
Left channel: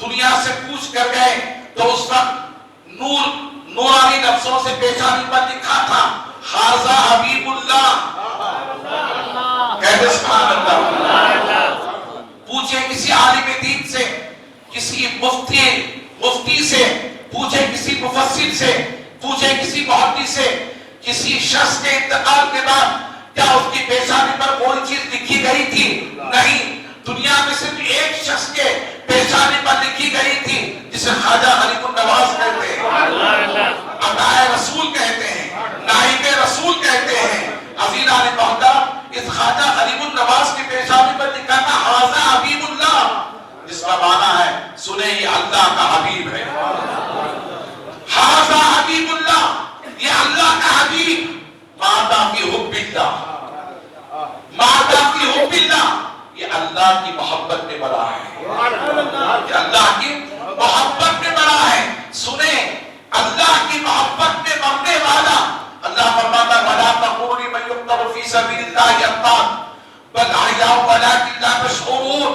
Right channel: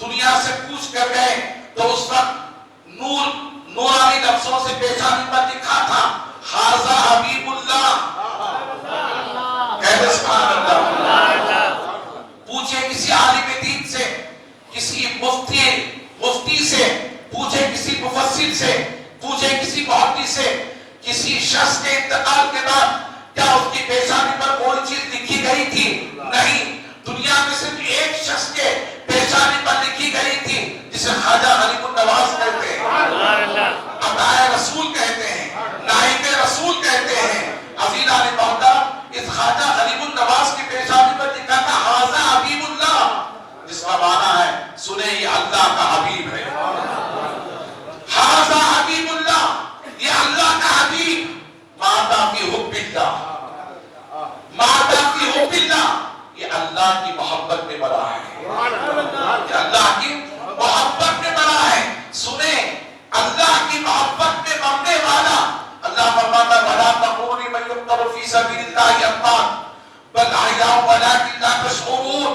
دنیا سے کوچ کر گئے, تو اس وقت نورانی لفظوں سے پیشانی پر لکھا تھا, خواجہ حبیب اللہ. پوچھے کسی عالم دین سے, کسی مفتی سے, پوچھے کسی مفسر سے, پوچھے کسی محدث سے, کسی شخص کے انتقال کے بعد کیا اس کی پیشانی پر کوئی چیز لکھی گئی تھی؟ نہیں. دنیا میں صرف ایک شخص کے پیشانی پر لکھی گئی تھی, جسے خواجہ غریب النواز کہتے ہیں, عطائے رسول کہتے ہیں, نائب رسول کہتے ہیں. عزیزان محترم اس خواجہ غریب النواز کی پیشانی پر لکھا تھا خواجہ حبیب اللہ, جس کا معنی ہے سنیں یہ اللہ کا حبیب ہے. خواجہ حبیب اللہ, یہ اللہ کا حبیب. ماتا کی حب اللہ, ماتا کی حب اللہ, یہ اللہ کی محبت میں بڑا ہے, یہ اللہ کی محبت میں بڑا ہے. سنیں اللہ کی محبت میں مرنے والا, اللہ فرماتا وَلَا تَقُولُوا لِمَن يُقْتَلُ فِي سَبِيلِ اللَّهِ أَمْوَاتٌ بَلْ أَحْيَاءٌ وَلَٰكِن لَّا تَشْعُرُونَ.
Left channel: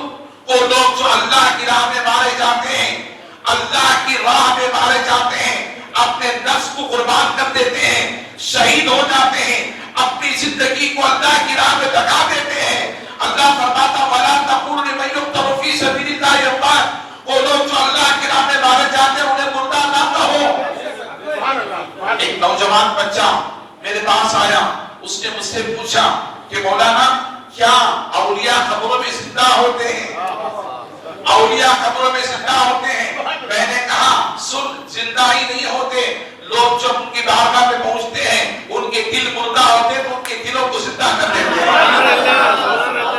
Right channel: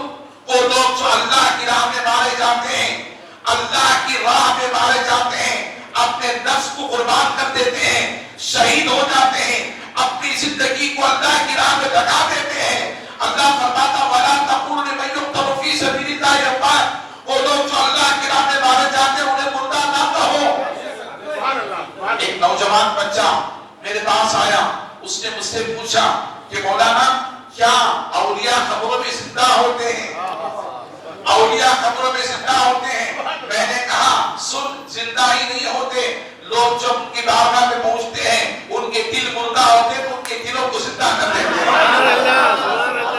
وہ لوگ جو اللہ کی راہ میں مارے جاتے ہیں, اللہ کی راہ میں مارے جاتے ہیں, اپنے نفس کو قربان کر دیتے ہیں, شہید ہو جاتے ہیں, اپنی زندگی کو اللہ کی راہ میں لگا دیتے ہیں. اللہ فرماتا وَلَا تَقُولُوا لِمَن يُقْتَلُ فِي سَبِيلِ اللَّهِ أَمْوَاتٌ. وہ لوگ جو اللہ کی راہ میں مارے جاتے ہیں انہیں مردہ نہ کہو. ایک نوجوان بچہ میرے پاس آیا, اس نے مجھ سے پوچھا کہ مولانا کیا اولیاء قبروں میں زندہ ہوتے ہیں, اولیاء قبروں میں زندہ ہوتے ہیں؟ میں نے کہا سن, زندہ ہی نہیں ہوتے. لوگ جب ان کی بارگاہ میں پہنچتے ہیں ان کے دل مردہ ہوتے ہیں تو ان کے دلوں کو زندہ کر دیتے ہیں.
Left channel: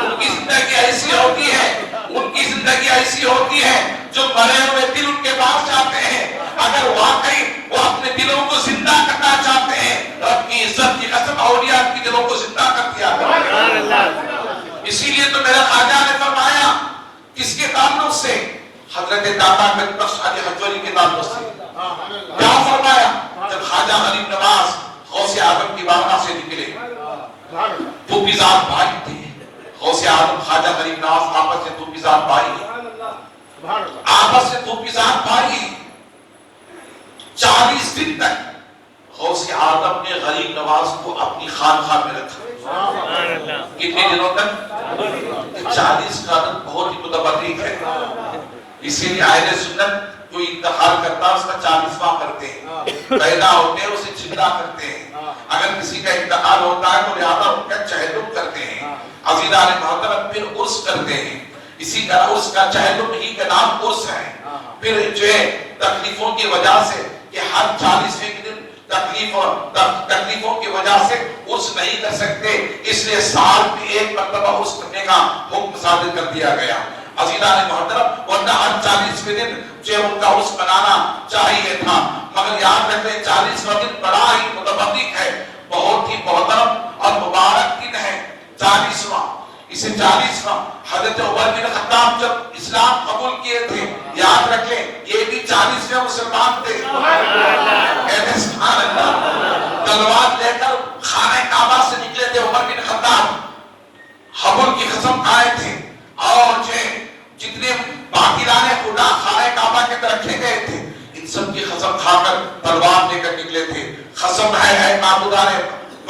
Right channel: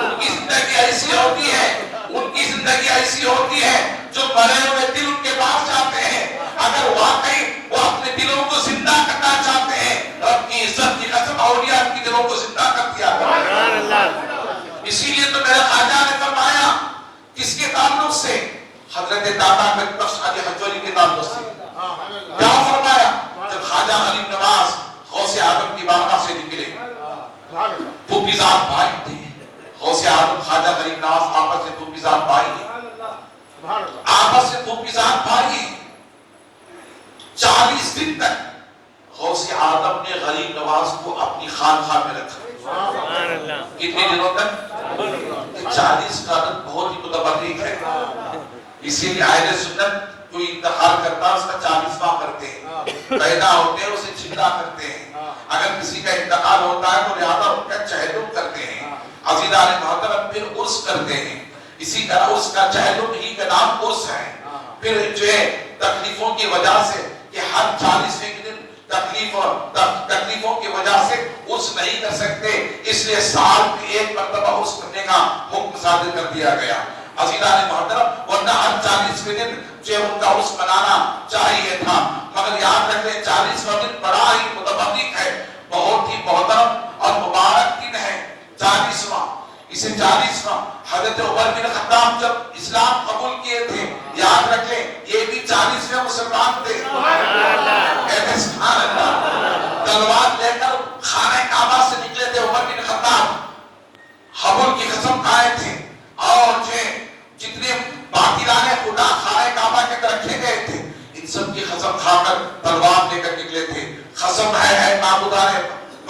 ان کی زندگی ایسی ہوتی ہے, ان کی زندگی ایسی ہوتی ہے جو مرے ہوئے دل ان کے پاس جاتے ہیں. اگر واقعی وہ اپنے دلوں کو زندہ کرنا چاہتے ہیں, رب کی عزت کی قسم اولیاء کی دلوں کو زندہ کر دیا. اسی لیے تو میرا خواجہ نے فرمایا, کس کے تعلق سے؟ حضرت داتا گنج بخش علی حجوری کے تعلق سے. کیا فرمایا؟ جب خواجہ غریب نواز غوث اعظم کی بارگاہ سے نکلے, وہ ذات بھائی تھے, غوث اعظم خواجہ غریب نواز آپس سے دو ذات بھائی, آپس سے دو ذات بھائی. 40 دن تک غوث اعظم نے غریب نواز کو اپنی خانقاہ میں رکھا. کتنے دنوں تک؟ 40 کا عدد بہت ہی متبرک ہے. اسی لیے اہل سنت کوئی انتقال کرتا ہے اس کا 40واں کرتے ہیں, پیدا ہوتے ہیں اسے چھلا کرتے ہیں. اگر کسی کا انتقال ہوتا ہے تو لہذا ان کا چہلم کرتے ہیں. عزیزان محترم پھر عرس کرتے ہیں. اسی طرح اس کا چہلم ہی کا نام عرس ہے. پھر جو ہے تکلیفوں کی وجہ سے کہ ہر 40ویں دن تکلیفوں کی وجہ سے عرس نہیں کر سکتے, اس لیے سال میں ایک مرتبہ عرس کرنے کا حکم صادر کر دیا گیا. عزیزان محترم ورنہ ہر 40ویں دن جو ان کا عرس منانا چاہیے تھا, مگر یاد رکھیں 40واں دن بڑا ہی متبرک ہے, بہت ہی محترم اور مبارک دن ہے 40واں. اسے 40واں حضرت عمر بن خطاب جب اسلام قبول کیے تھے, یاد رکھ لیں یہ بھی 40ویں مسلمان تھے. تلوار لے کر خانہ کعبہ سے نکلے تھے عمر بن خطاب، حبل کی قسم کھائے تھے، اور جتنے باطلان خدا خانہ کعبہ کے رکھے گئے تھے ان سب کی قسم کھا کر تلوار لے کر نکلے تھے۔ قسم ہے معبودان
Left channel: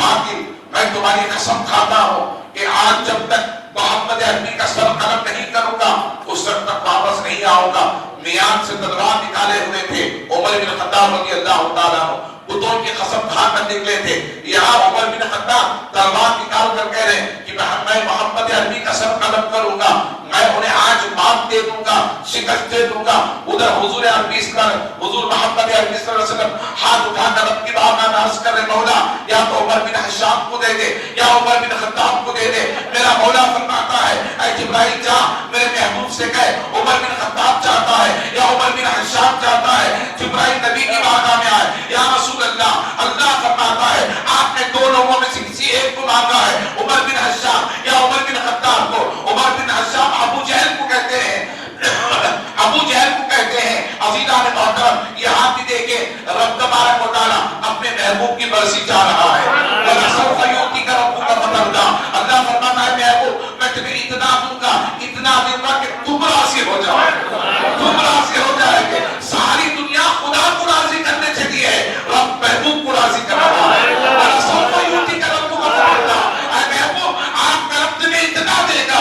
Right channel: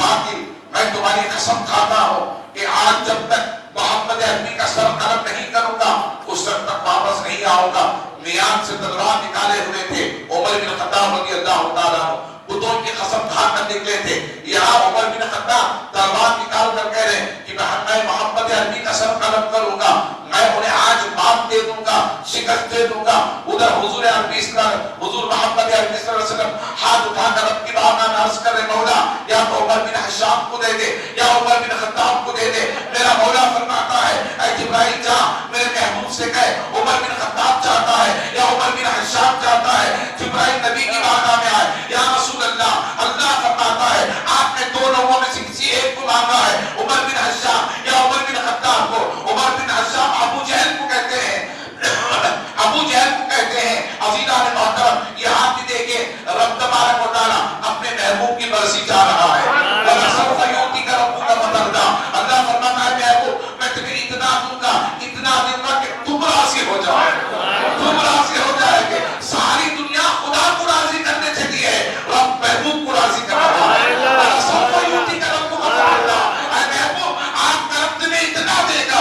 باطل، میں تمہاری قسم کھاتا ہوں کہ آج جب تک محمد عربی کا سر قلم نہیں کروں گا اس وقت تک واپس نہیں آؤں گا۔ میان سے تلوار نکالے ہوئے تھے عمر بن خطاب رضی اللہ تعالیٰ عنہ، بتوں کی قسم کھا کر نکلے تھے۔ یہاں عمر بن خطاب تلوار نکال کر کہہ رہے ہیں کہ میں محمد عربی کا سر قلم کروں گا، میں انہیں آج مات دے دوں گا، شکست دے دوں گا۔ ادھر حضور عربی حضور محمد عربی صلی اللہ علیہ وسلم ہاتھ اٹھا کر رب کی بارگاہ میں عرض کر رہے مولا یا تو عمر بن حشام کو دے دے یا عمر بن خطاب کو دے دے۔ میرا مولا فرماتا ہے اے جبرائیل جا میرے محبوب سے کہے عمر بن خطاب چاہتا ہے یا عمر بن حشام چاہتا ہے۔ جبرائیل نبی کی بارگاہ میں آئے، یا رسول اللہ، اللہ فرماتا ہے آپ نے دو لوگوں میں سے کسی ایک کو مانگا ہے، عمر بن حشام یا عمر بن خطاب کو۔ عمر بن حشام ابو جہل کو کہتے ہیں، ابو جہل کو کہتے ہیں۔ عزیزان محترم یہ ہاتھ دے کے رب تبارک و تعالیٰ اپنے محبوب کی مرضی چاہ رہا ہے۔ اللہ فرماتا ہے محبوب میں تمہیں اتنا دوں گا کہ تم راضی ہو جائے، تم راضی ہو جائے گے۔ ساری دنیا خدا کو راضی کرنے چلی ہے، رب محبوب کو راضی کر رہا ہے۔ آپ کا رب تمہیں اتنا دے گا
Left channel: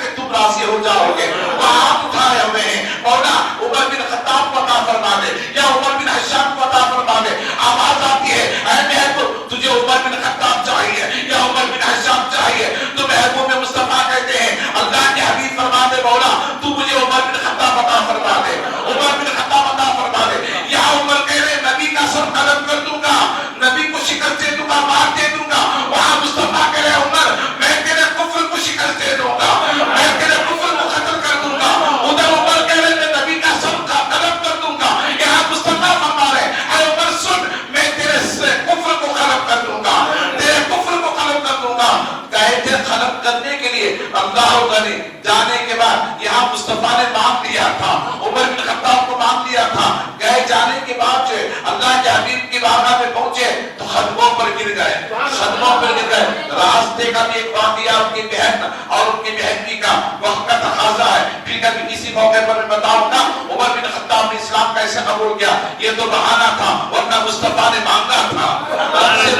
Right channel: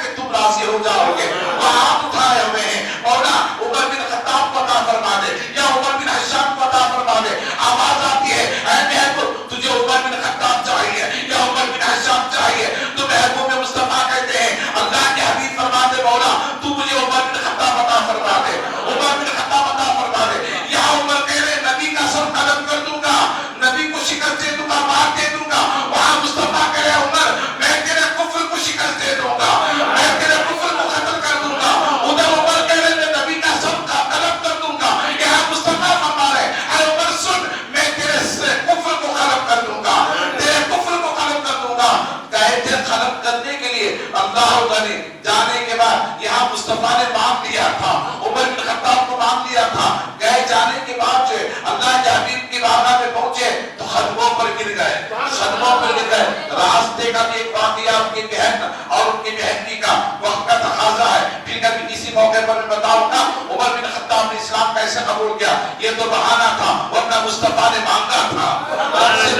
کہ تم راضی ہو جاؤ گے۔ آپ اٹھائے ہوئے ہیں مولا عمر بن خطاب کو عطا فرما دے یا عمر بن حشام کو عطا فرما دے۔ آواز آتی ہے اے محبوب تجھے عمر بن خطاب چاہیے یا عمر بن حشام چاہیے، تو محبوب مصطفیٰ کہتے ہیں اللہ کے حبیب فرما دے مولا تو مجھے عمر بن خطاب عطا فرما دے، عمر بن خطاب عطا فرما دے۔ یا عمر تیرے نبی کا سر قلم کر دوں گا، نبی کو شکست دے دوں گا، مار دے دوں گا۔ وہاں مصطفیٰ کہہ رہے عمر میں تیرے کفر کو شکست دے دوں گا، میں تیرے کفر کو ختم کر دوں گا۔ ادھر عمر کہہ رہے میں نبی کا سر کا قلم کر دوں گا، یہاں مصطفیٰ فرما رہے اے عمر سن میں تیرے کفر کو ختم کر دوں گا، تیرے کفر کو ختم کر دوں گا۔ کہے تھے ختم کرنے کے لیے اللہ نے جانے کے بعد یہاں مصطفیٰ نے مانگ لیا تھا، عمر بن خطاب کو مانگ لیا تھا۔ گئے جانے کے بعد جو اللہ کے حبیب کی بارگاہ میں پہنچے تو خدموں پر گر گئے، خدموں پر گر گئے۔ راستے کا بھی ایک واقعہ ان کی بہن اور ان کی بہن کا وقت کا تقاضا ہے، پھر کبھی کسی موقع پر بتاؤں گا عمر بن خطاب نے اسلام کیسے قبول کیا۔ یہ تو بہانہ تھا ورنہ مصطفیٰ نے مانگا تھا،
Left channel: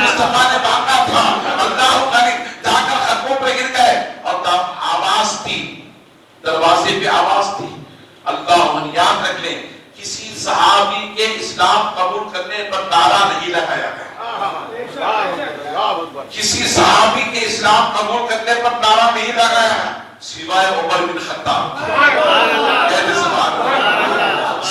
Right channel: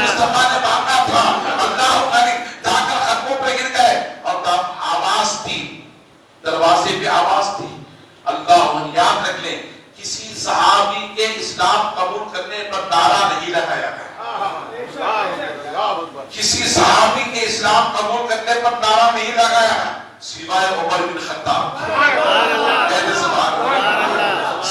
مصطفیٰ نے مانگا تھا۔ اللہ جا کر خدموں پہ گر گئے اور آواز تھی، دروازے پہ آواز تھی۔ اللہ یاد رکھ لیں کسی صحابی کے اسلام قبول کرنے پر نعرہ نہیں لگایا گیا، کسی صحابی کے اسلام قبول کرنے پر نعرہ نہیں لگایا سوائے عمر بن خطاب،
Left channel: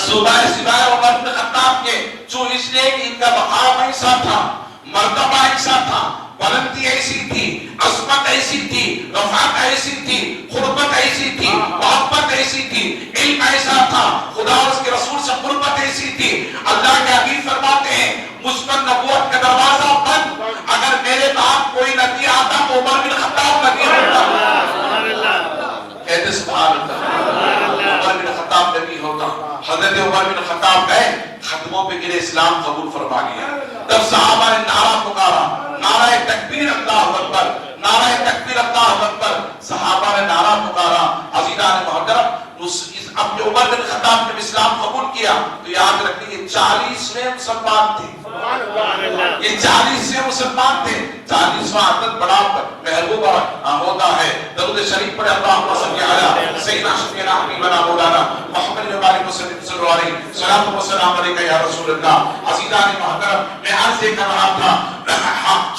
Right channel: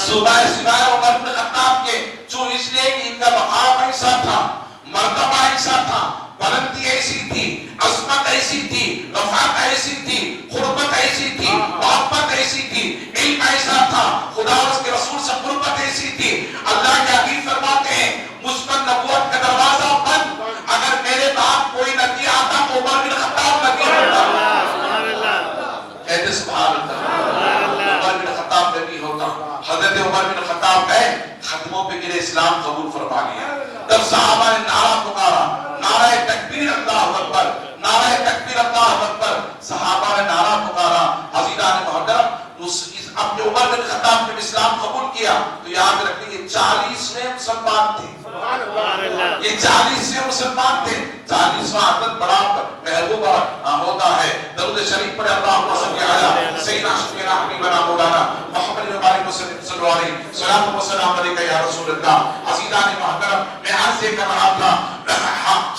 سوائے عمر بن خطاب کے، جو اس لیے کہ ان کا مقام ایسا تھا، مرتبہ ایسا تھا، بلندی ایسی تھی، عظمت ایسی تھی، رفعت ایسی تھی، قربت ایسی تھی، محبت ایسی تھی، علم ایسا تھا، خدا اور اس کے رسول سے قربت ایسی تھی۔ اللہ کے حبیب فرماتے ہیں مجھ پر نبوت کا دروازہ بند، اگر میرے بعد کوئی نبی آتا تو عمر بن خطاب نبی ہوتا۔ کہتے سبحان اللہ، عمر بن خطاب نبی ہوتا۔ حضرت عمر بن خطاب گئے خدموں پہ گرے، اسلام قبول فرما لیا۔ تب صحابہ نے نعرہ پکارا، نعرہ تکبیر اللہ اکبر، نعرہ تکبیر اللہ اکبر۔ صحابہ نے نعرہ پکارا۔ عزیزان محترم اپنے عمر بن خطاب نے اسلام قبول کیا تو یاد رکھیں یہ 40ویں مسلمان تھے، یہ 40ویں مسلمان تھے۔ 40واں عدد بڑا محبوب ہوتا ہے۔ درود شریف پڑھے اللہم صلی علی سیدنا شفیعنا حبیبنا مولانا محمد بن وسلم صلی اللہ علیہ وسلم، والسلام علیکہ یا رسول اللہ۔ عزیزان محترم میں عرض کر رہا تھا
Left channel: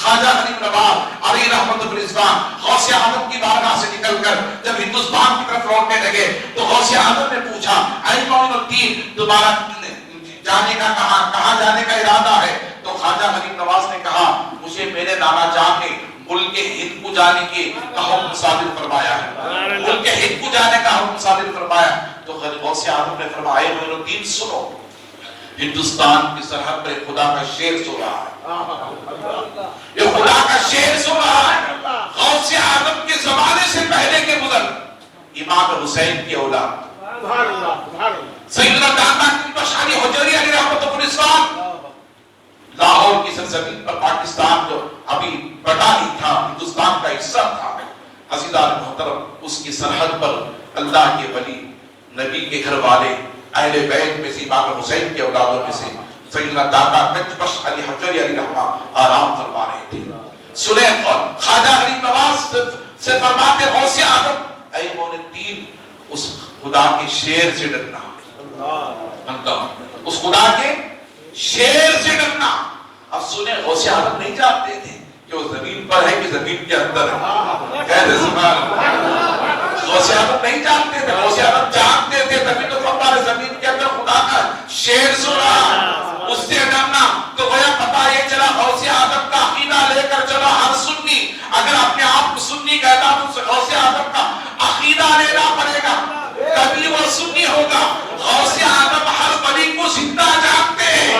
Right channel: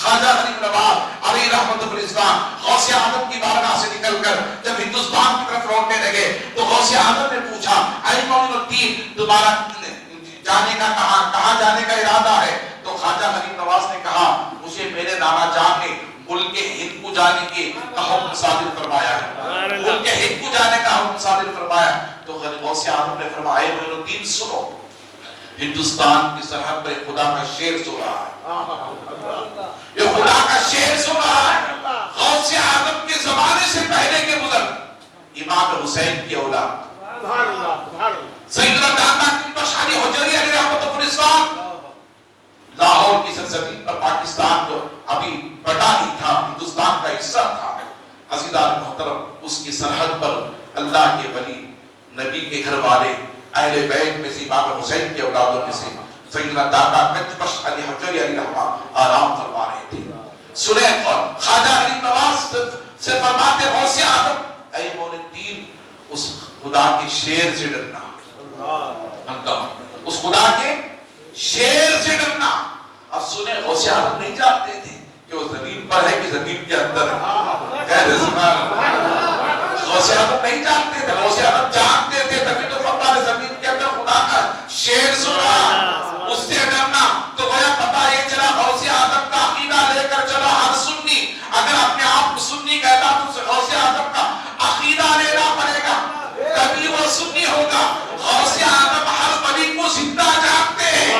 خواجہ غریب نواز علی رحمت الرضوان غوث اعظم کی بارگاہ سے نکل کر جب ہندوستان کی طرف لوٹنے لگے تو غوث اعظم نے پوچھا اے معین الدین تمہارا جانے کا کہاں جانے کا ارادہ ہے؟ تو خواجہ غریب نواز نے کہا مجھے میرے نانا جان نے ملک ہند کو جانے کے حکم صادر فرمایا ہے، ملک ہند کو جانے کا حکم صادر فرمایا۔ تو غوث اعظم نے فرمایا معین الدین سنو، ہندوستان کی سرحد پر خدا کا شیر سو رہا ہے، یہ خدا کا شیر سو رہا ہے۔ غوث اعظم کے زمانے سے پہلے کے بزرگ امام حسین کی اولاد سیدنا داماد بن بشاری حجری علیہ رحمۃ الرضوان لاہور لاہور کی سرزمین پر پاکستان جو ابھی بٹا نہیں تھا، ہندوستان کا حصہ تھا، عزیزان محترم، اس کی سرحد پر اللہ کے ولی، نبی کے گھر والے، اہل بیت میں سے امام حسین کے اولادوں میں سے سیدنا داتا گنج بخش علی حجویری علیہ الرحمہ آرام فرما رہے تھے. سنیں اور خواجہ غریب نواز سے فرماتے غوث اعظم اے مولا الدین، اس خدا کے شیر سے ڈرنا، اس خدا کے شیر سے ڈرنا. اب سنیں غوث اعظم نہیں جانتے تھے کہ وہ زمین پر ہے کہ زمین کے اندر ہے. کہتے سبحان اللہ. غوث اعظم نہیں جانتے تھے، غوث اعظم جانتے تھے، تبھی تو فرمایا زمین کے اندر خدا کا شیر سنا، اس سے ڈرنا. تو گویا پتہ یہ چلا غوث اعظم کا عقیدہ لے کر چلا ہر سنی اگر اپنے آپ کو سنی کہتا تو اسے غوث اعظم کا عقیدہ لینا پڑے گا، تبھی وہ سنی ہوگا. غوث اعظم ہر ولی کو زندہ جانتے ہیں.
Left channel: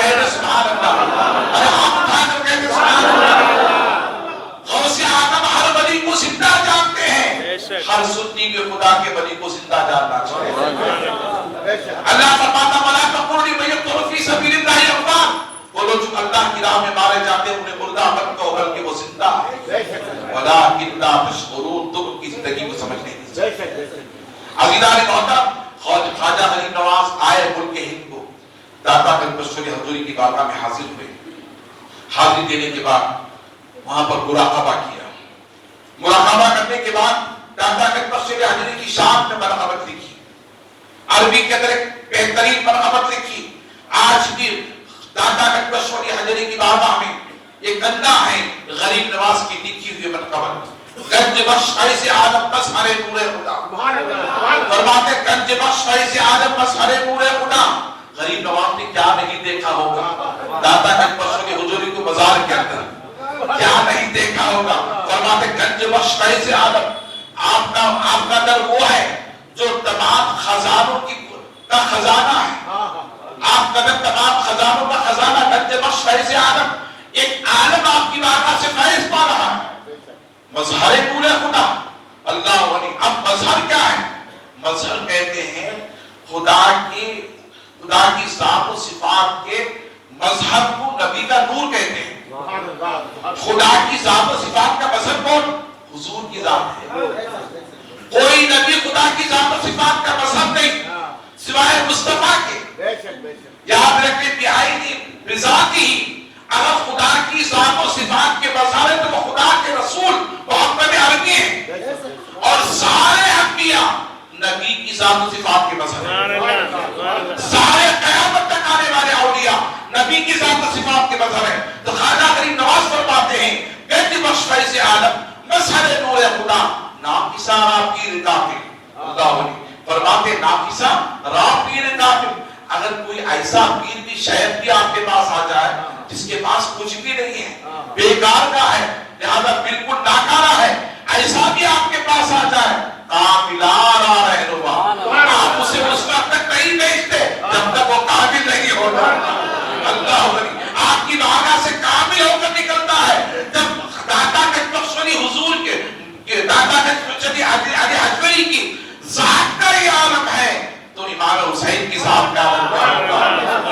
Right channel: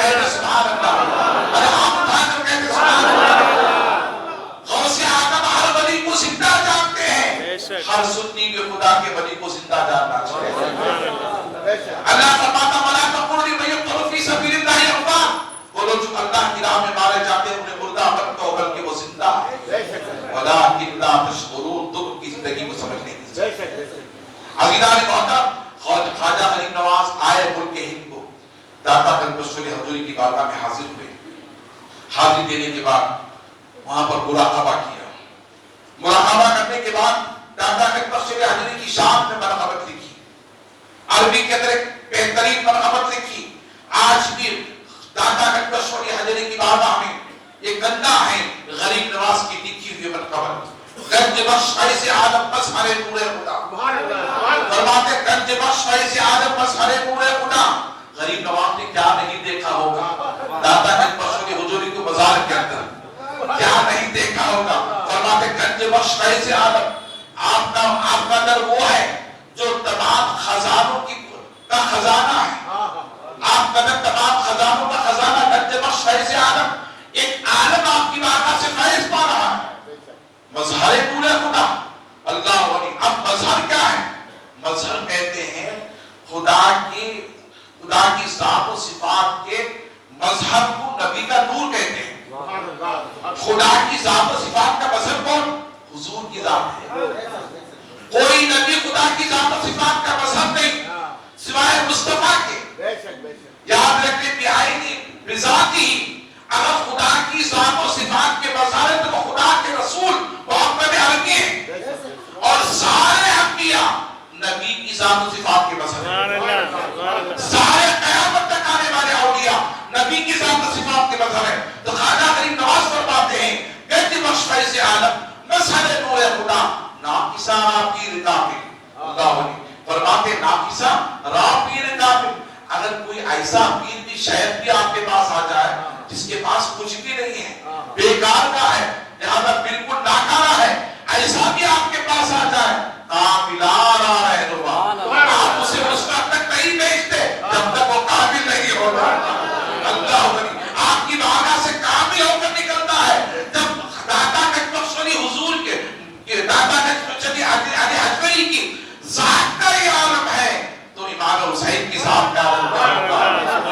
کہتے سبحان اللہ. ارے ہم تھا جو کہتے سبحان اللہ. غوث اعظم ہر ولی کو زندہ جانتے ہیں. ہر سنی کے خدا کے ولی کو زندہ جاننا چاہیے. اللہ فرماتا وَلَا تَقُولُوا لِمَن يُقْتَلُ فِي سَبِيلِ اللَّهِ أَمْوَاتٌ، وہ لوگ جو اللہ کی راہ میں مارے جاتے ہیں انہیں مردہ مت کہو بلکہ وہ زندہ ہے. وَلَٰكِن لَّا تَشْعُرُونَ، تم کی زندگی کو سمجھ نہیں. عزیزان محترم، خواجہ غریب نواز آئے ملک ہند کو، داتا گنج بخش علی حضوری کی بارگاہ میں حاضر ہوئے. حاضری دینے کے بعد وہاں پر مراقبہ کیا. مراقبہ کرنے کے بعد داتا گنج بخش علی حضوری کی شان میں مرحمت لکھی، عربی کے اندر ایک بہترین مرحمت لکھی. آج بھی داتا گنج بخش علی حضوری کی بارگاہ میں ایک گندا ہے غریب نواز کی لکھی ہوئی مرحمت. گنج بخش فیض اعظم مظہر نور خدا، فرماتے گنج بخش فیض اعظم مظہر نور خدا. غریب نواز نے کیا نہیں دیکھا ہوگا داتا گنج بخش علی حضوری کو بازار کے اندر، کیا نہیں دیکھا ہوگا. فرماتے گنج بخش فیض اعظم آپ کا در وہ ہے جو تمام خزانوں کا خزانہ ہے. آپ کا در تمام خزانوں کا خزانہ. گنج بخش فیض اعظم ایک عالم آپ کی بارگاہ سے فیض پا رہا ہے. مظہر نور خدا اللہ ولی. اب مظہر کیا ہے؟ مظہر کہتے ہیں خدا کی ذات و صفات کے مظہر کو نبی کا نور کہتے ہیں. خدا کی ذات و صفات کا مظہر کون؟ حضور کی ذات ہے. کوئی نبی خدا کی ذات و صفات کا مظہر نہیں سوائے مصطفیٰ کے. یاد رکھیں بہائی بذاتی اگر خدا کی ذات و صفات کے مظہر ہے تو وہ خدا کے رسول محمد عربی ہیں، اور سارے انبیاء نبی کی ذات و صفات کے مظہر ہیں. سارے قیامت تک آنے والے اولیاء نبی کی ذات و صفات کے مظہر ہیں. تو خواجہ غریب نواز فرماتے ہیں گنج بخش فیض اعظم مظہر نور خدا ناقصہ راپیر کافر. اللہ ولی فرماتے ناقصہ راپیر کافر. اگر کوئی ایسا پیر بھی شہر بھی آپ کے پاس آ جائے جس کے پاس کچھ بھی نہیں ہے، بیکار کا ہے، لہذا بالکل ناکارہ ہے، ایسا بھی آپ کے پاس آ جائے کاملانہ رہنما، آپ اسے مستقبل تک نہیں بھیجتے جب تک وہ قابل نہیں ہوگا. اللہ ولی آپ کی بارگاہ سے کامل ہو کر نکلتا ہے. جب داتا گنج بخش علی حضور کے داتا گنج بخش علی حضوری کی ذات کا یہ عالم ہے تو امام حسین کی ذات کا عالم کیا ہوگا،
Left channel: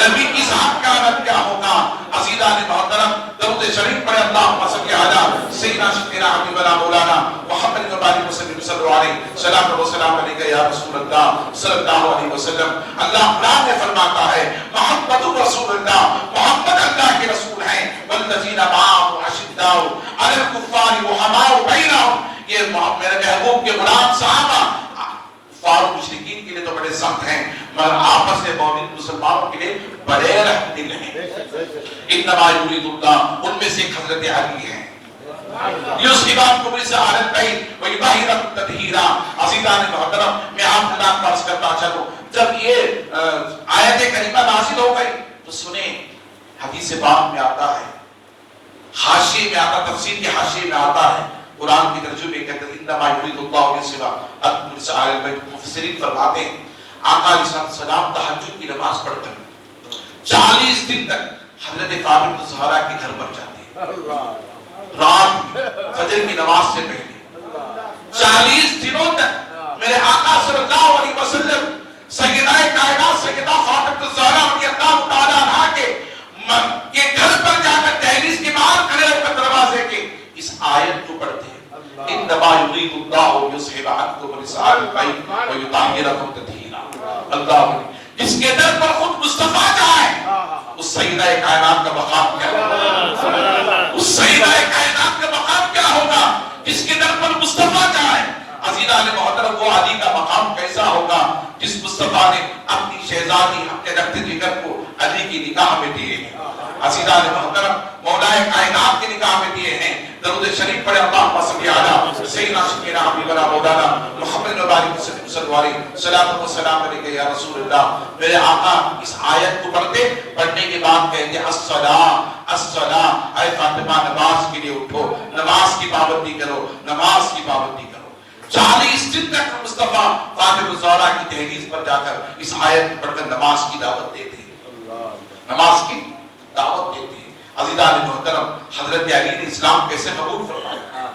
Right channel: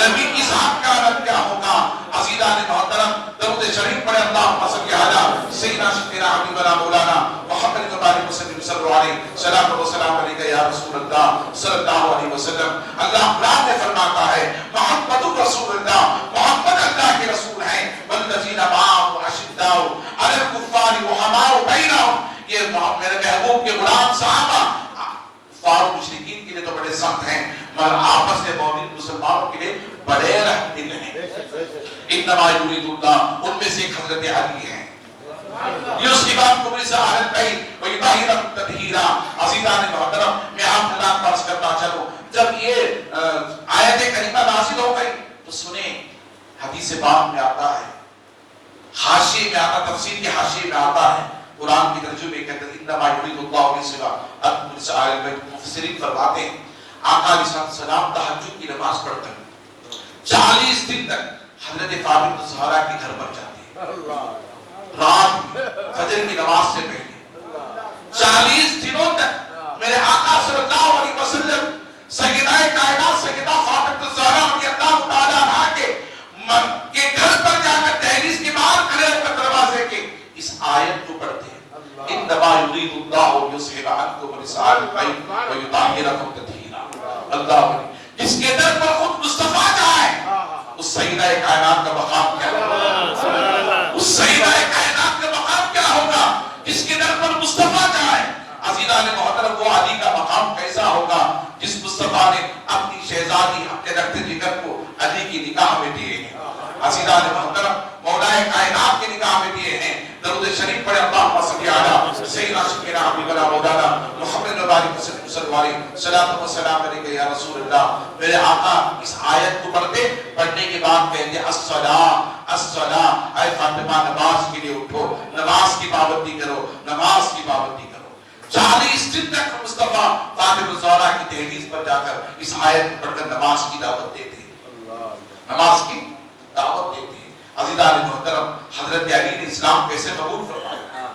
نبی کی ذات کا عالم کیا ہوگا. عزیزان محترم، درود شریف پڑھے اللہم صلی علی سیدنا سیدنا حبیبنا مولانا محمد مبارک وسلم صلی اللہ علیہ سلام و سلام علیکہ یا رسول اللہ صلی اللہ علیہ وسلم. اللہ قرآن میں فرماتا ہے محمد رسول اللہ، محمد اللہ کے رسول ہیں. والذین معه اشداء علی الکفار رحماء بینہم. یہ میرے محبوب کے غلام صحابہ فاروق مشرکین کے لیے تو بڑے سخت ہیں مگر آپس میں مومن مسلمانوں کے لیے بڑے رحم دل ہیں. انما یرید اللہ، ان میں سے ایک حضرت علی ہیں. یوسفان کو بھی سہارت کہیں ویباہیرت تدہیرہ. عزیزان محترم، میں آپ خدا فرض کرتا چلو جب یہ آیت کریمہ نازل ہو گئی تو سنیں حدیث پاک میں آتا ہے، حاشیے میں آتا، تفسیر کے حاشیے میں آتا ہے، قرآن کی ترجمے کہتے ہیں انما یرید اللہ من سوا ادخل سائر البیت. مفسرین فرماتے ہیں آقا علیہ السلام تہجد کی نماز پڑھتے ہیں 40 دن تک حضرت فاطمہ الزہرا کے گھر پر جاتے ہیں رات فجر کی نماز سے پہلے 40 دنوں تک میرے آقا صلی اللہ علیہ وسلم سیدہ کائنات سیدہ فاطمہ الزہرا رضی اللہ تعالیٰ عنہا کے وطاہرکم تطہیرا. اللہ جس کے در پر خود مصطفیٰ جائے اس سیدہ کائنات کا مقام کیا ہوگا؟ اس سیدہ کائنات کا مقام کیا ہوگا جس کے در پر مصطفیٰ جائے؟ عزیزان محترم وہ علی کا مقام کیسا ہوگا جس مصطفیٰ نے اپنی شہزادی اپنے رخت جگر کو علی کی نکاح میں دیے ہیں. عزیزان محترم مولا کائنات کے نکاح میں دیے ہیں. درود شریف پڑھے اللہم صلی علی سیدنا شفیعنا حبیبنا مولانا محمد مبارک سرکار صلاۃ و سلام علیک یا رسول اللہ. میرے آقا اس آیت کو پڑھنے کے بعد کہتے ہیں الصلاۃ الصلاۃ، اے فاطمہ نماز کے لیے اٹھو، نماز کی پابندی کرو، نماز کی پابندی کرو. 40 دن تک مصطفیٰ فاطمہ الزہرا کی دہلیز پر جا کر اس آیت کو پڑھ کر نماز کی دعوت دیتے ہیں، نماز کی دعوت دیتے ہیں. عزیزان محترم حضرت علی نے اسلام کیسے قبول فرمایا؟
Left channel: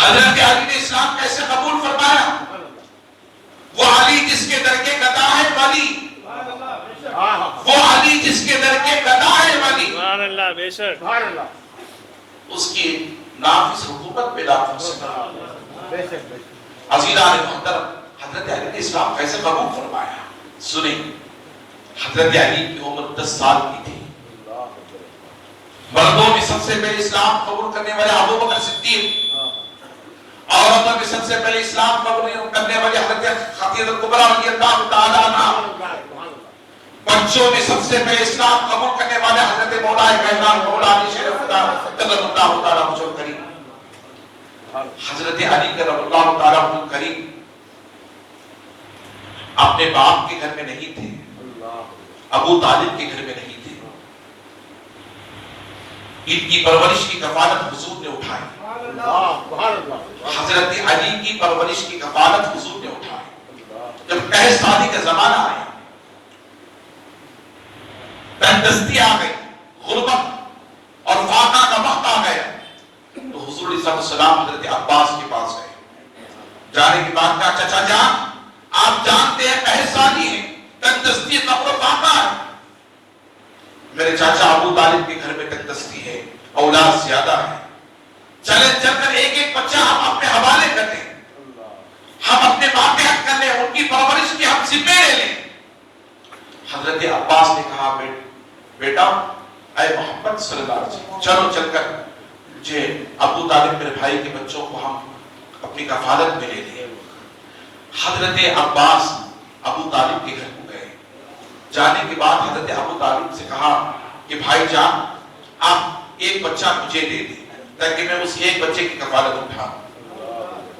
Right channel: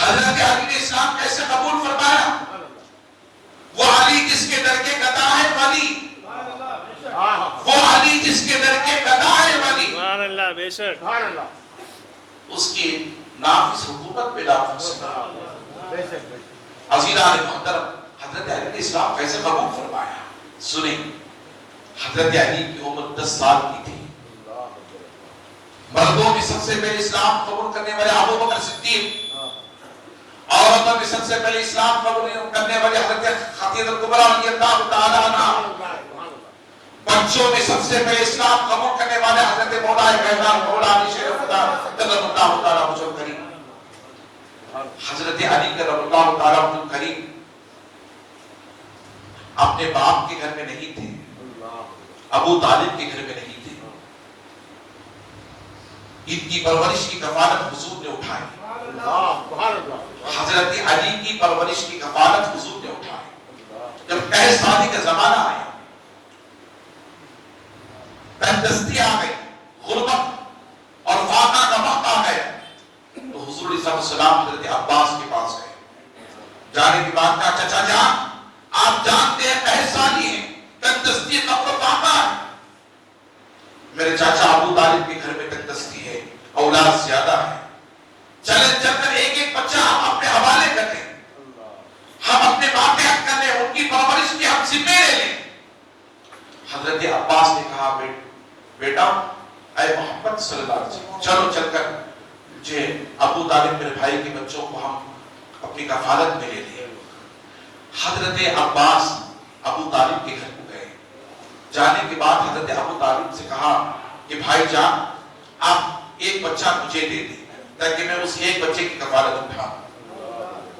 حضرت علی نے اسلام کیسے قبول فرمایا؟ وہ علی جس کے در کے گدا ہے ولی، وہ علی جس کے در کے گدا ہے ولی، سبحان اللہ، بے شک سبحان اللہ، اس کی نافذ حکومت پہ لا سکتا. عزیزان محترم حضرت علی نے اسلام کیسے قبول فرمایا؟ سنیں، حضرت علی کی عمر 10 سال کی تھی. مردوں میں سب سے پہلے اسلام قبول کرنے والے ابو بکر صدیق، عورتوں میں سب سے پہلے اسلام قبول کرنے والے حضرت خدیجہ کبریٰ رضی اللہ تعالی عنہا، بچوں میں سب سے پہلے اسلام قبول کرنے والے حضرت مولا کائنات مولا علی شریف قدر اللہ تعالی عنہ کریم. حضرت علی کرم اللہ تعالی عنہ کریم اپنے باپ کے گھر میں نہیں تھے، ابو طالب کے گھر میں نہیں تھے. ان کی پرورش کی کفالت حضور نے اٹھائی. حضرت علی کی پرورش کی کفالت حضور نے اٹھائی. جب پہلے شادی کا زمانہ آیا، تندرستی آ گئی، غربت اور فاقہ کا وقت آ گیا، تو حضور علیہ السلام حضرت عباس کے پاس گئے. جانے کے بعد کہا چچا جان آپ جانتے ہیں پہلے شادی ہے، تندرستی فقر و فاقہ ہے. میرے چاچا ابو طالب کے گھر میں تندرستی ہے، اولاد زیادہ ہے، چلے چل کر ایک ایک بچہ ہم اپنے حوالے کر لیں، ہم اپنے واقعات کر لیں، ان کی پرورش کی ہم ذمہ لے لیں. حضرت عباس نے کہا بیٹا اے محمد صلی اللہ علیہ وسلم چلو چل کر جے ابو طالب میرے بھائی کے بچوں کو ہم اپنی کفالت میں لے لیں. حضرت عباس ابو طالب کے گھر کو گئے. جانے کے بعد حضرت ابو طالب سے کہا کہ بھائی جان آپ ایک بچہ مجھے دے دیں تاکہ میں اس ایک بچے کی کفالت اٹھاؤں.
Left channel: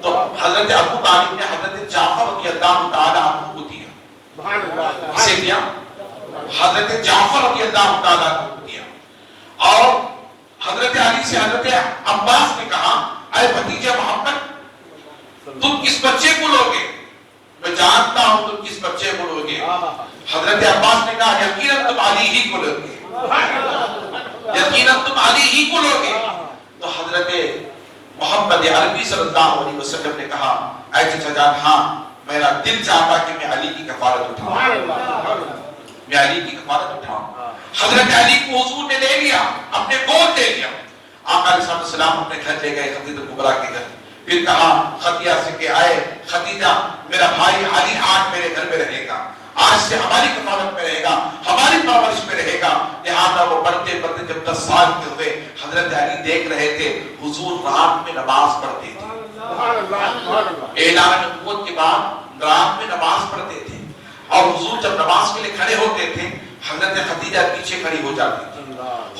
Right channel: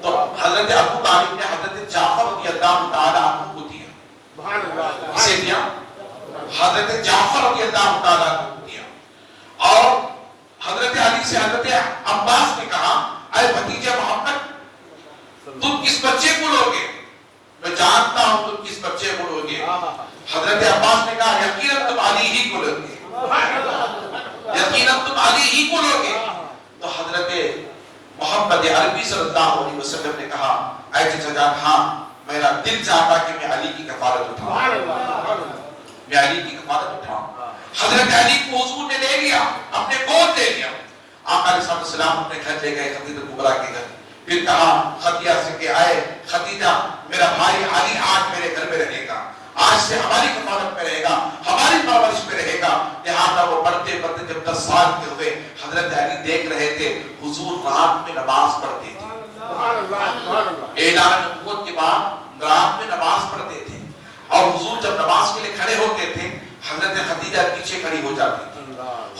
تو حضرت ابو طالب نے حضرت جعفر رضی اللہ تعالی عنہ کو دیا. اسے دیا حضرت جعفر رضی اللہ تعالی عنہ کو دیا. اور حضرت علی سے حضرت عباس نے کہا اے بھتیجے محمد تم کس بچے کو لوگے؟ میں جانتا ہوں تم کس بچے کو لوگے. حضرت عباس نے کہا یقیناً تم علی ہی کو لوگے، یقیناً تم علی ہی کو لوگے. تو حضرت محمد عربی صلی اللہ علیہ وسلم نے کہا اے چچا جان ہاں میرا دل چاہتا کہ میں علی کی کفالت اٹھاؤں، میں علی کی کفالت اٹھاؤں. حضرت علی کو حضور نے لے لیا، اپنے گود لے لیا. آقا علیہ السلام اپنے گھر لے گئے خدیجہ کبریٰ کے گھر. پھر کہا خدیجہ سے کہ آئے خدیجہ میرا بھائی علی آج میرے گھر میں رہے گا، آج سے ہماری کفالت میں رہے گا، ہماری پرورش میں رہے گا. لہٰذا وہ پڑھتے پڑھتے جب 10 سال کے ہوئے حضرت علی دیکھ رہے تھے حضور رات میں نماز پڑھتے تھے. اعلان نبوت کے بعد رات میں نماز پڑھتے تھے اور حضور جب نماز کے لیے کھڑے ہوتے تھے حضرت خدیجہ پیچھے کھڑی ہو جاتی تھی.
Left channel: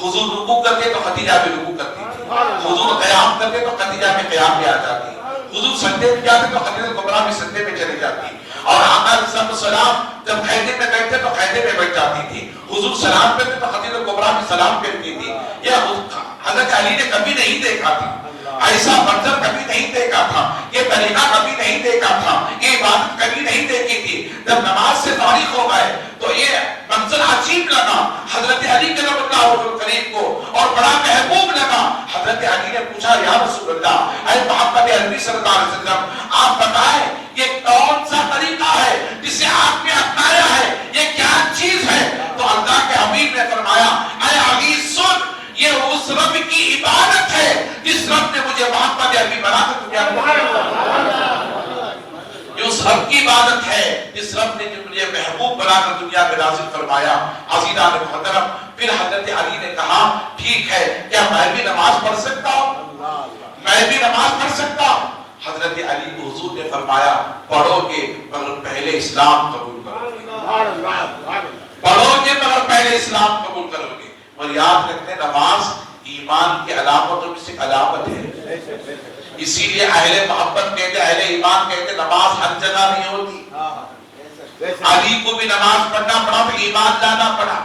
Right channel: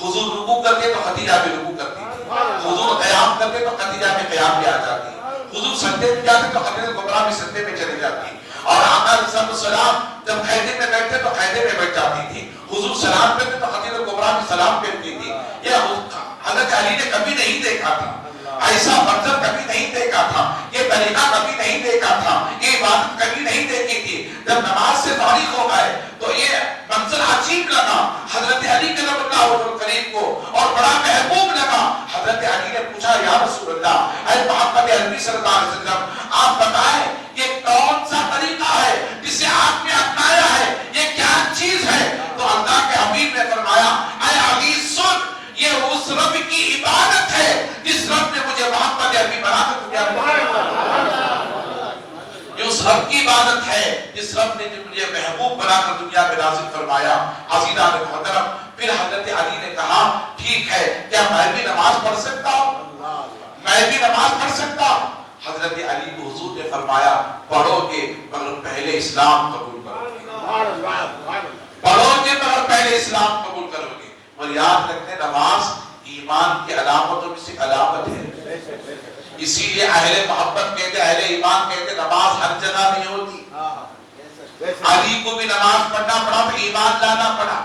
حضور رکوع کرتے تو خدیجہ بھی رکوع کرتی تھی، حضور قیام کرتے تو خدیجہ میں قیام بھی آ جاتی، حضور سجدے میں جاتے تو خدیجہ کبریٰ بھی سجدے میں چلی جاتی. اور آقا علیہ السلام جب قیدے میں بیٹھتے تو قیدے میں بیٹھ جاتی تھی، حضور سلام کرتے تو خدیجہ کبریٰ بھی سلام کرتی تھی. یہ حضرت علی نے کبھی نہیں دیکھا تھا، ایسا منظر کبھی نہیں دیکھا تھا، یہ طریقہ کبھی نہیں دیکھا تھا، یہ بات کبھی نہیں دیکھی تھی. جب نماز سے فارغ ہو گئے تو یہ منظر عجیب لگا حضرت علی کرم اللہ وجہہ کریم کو اور بڑا محبوب لگا. حضرت علی نے پوچھا یا رسول اللہ اے محمد عربی صلی اللہ علیہ وسلم آپ بتائیں یہ کون سا طریقہ ہے جسے آپ نے اپنایا ہے، یہ کیا چیز ہے؟ تو اللہ کے حبیب نے فرمایا اے علی سن یہ اس رب کی عبادت ہے جس رب نے مجھے محمد عربی بنا کر دیا. یہ اس رب کی عبادت ہے جس رب نے مجھے محبوب بنا کر دنیا میں نازل فرمایا۔ عزیزان محترم، پھر حضرت علی نے کہا ٹھیک ہے، کیا میں بھی نماز پڑھ سکتا ہوں؟ میں بھی نماز پڑھ سکتا ہوں؟ حضرت علی کو حضور نے فرمایا پڑھو گے مگر پہلے اسلام قبول کرو گے، پڑھو گے مگر پہلے اسلام قبول کرو گے۔ اور یاد رکھیں نماز ایمان کی علامتوں میں سے علامت ہے، اسی لیے اہل محبت کہتے، اہل ایمان کہتے نماز ہر جگہ نہیں ہوتی۔ علی کو بھی نماز پڑھنا پڑا، پھر ایمان لانا پڑا۔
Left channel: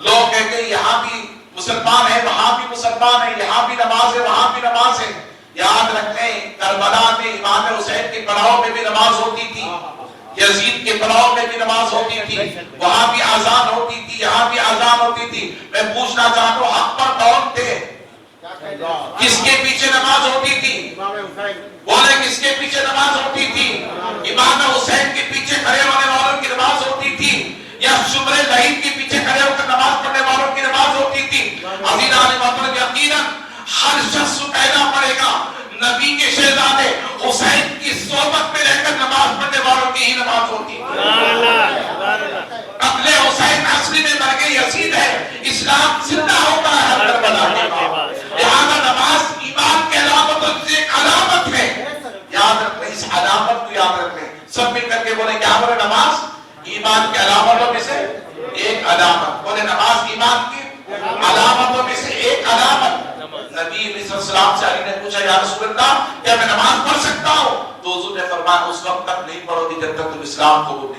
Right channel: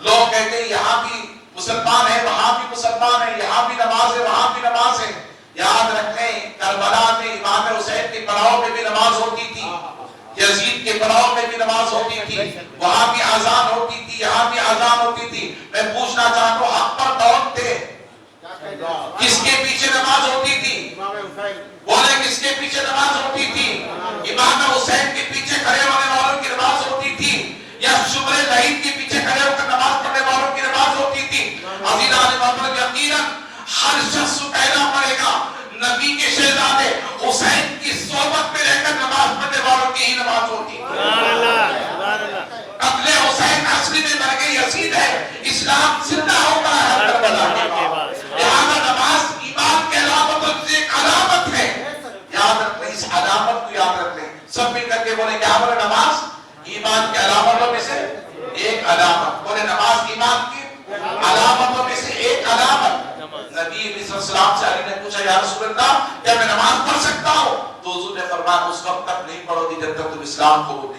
لوگ کہتے ہیں یہاں بھی مسلمان ہے، وہاں بھی مسلمان ہے، یہاں بھی نماز ہے، وہاں بھی نماز ہے۔ یاد رکھیں کربلا میں امام حسین کے پڑاؤ میں بھی نماز ہوتی تھی، یزید کے پڑاؤ میں بھی نماز ہوتی تھی، وہاں بھی اذان ہوتی تھی، یہاں بھی اذان ہوتی تھی۔ میں پوچھنا چاہتا ہوں حق پر کون تھے؟ کس کے پیچھے نماز ہوتی تھی؟ بولے کس کے پیچھے نماز ہوتی تھی؟ امام حسین کے پیچھے کھڑے ہونے والوں کی نماز ہوتی تھی یا شبرے لہید کے پیچھے کھڑے ہو کر نماز پڑھنے والوں کی نماز ہوتی تھی؟ عزیزان محترم، یقیناً ہر شخص پیدا پڑے گا نبی کے شہزادے حسین کی صحبت میں رہ کر نماز پڑھنے والوں کی ہی نماز ہوتی ہے۔ قتل حسین اصلی میں مرگ یزید ہے، اسلام زندہ ہو کر ہے کربلا کے۔ لہذا نماز ایمان کے علامتوں سے ایک علامت ہے، یاد رکھیں اس علامت کو یاد رکھیں۔ سب مل کر کے بولے کیا بولے؟ نماز ایمان کے علامتوں میں سے ایک علامت۔ بولے نماز ایمان کی علامتوں میں سے ایک علامت۔ نبی علیہ السلام سے علی نے پوچھا یا رسول اللہ کیا میں نماز پڑھ سکتا ہوں؟ تو حضور نے فرمایا اس وقت تک نہیں پڑھو گے جب تک تم اسلام کو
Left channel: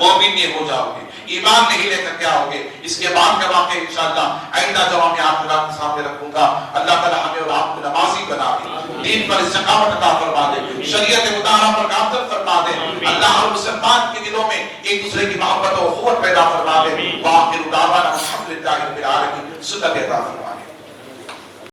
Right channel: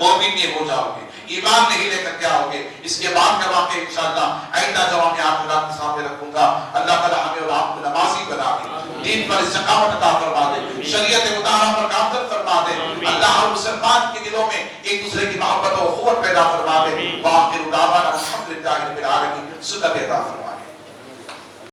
مومن نہیں ہو جاؤ گے، ایمان نہیں لے کر کے آؤ گے۔ اس کے بعد کے واقعے انشاءاللہ آئندہ جواب میں آپ کے سامنے رکھوں گا۔ اللہ تعالیٰ ہمیں اور آپ کو نمازی بنا دے، دین پر استقامت عطا فرما دے، شریعت مطالعہ پر گامزن فرما دے۔ اللہ ہر مسلمان کے دلوں میں ایک دوسرے کی محبت و اخوت پیدا فرما دے۔ وآخر دعوانا الحمدللہ رب العالمین۔ سنت عطا فرما دے۔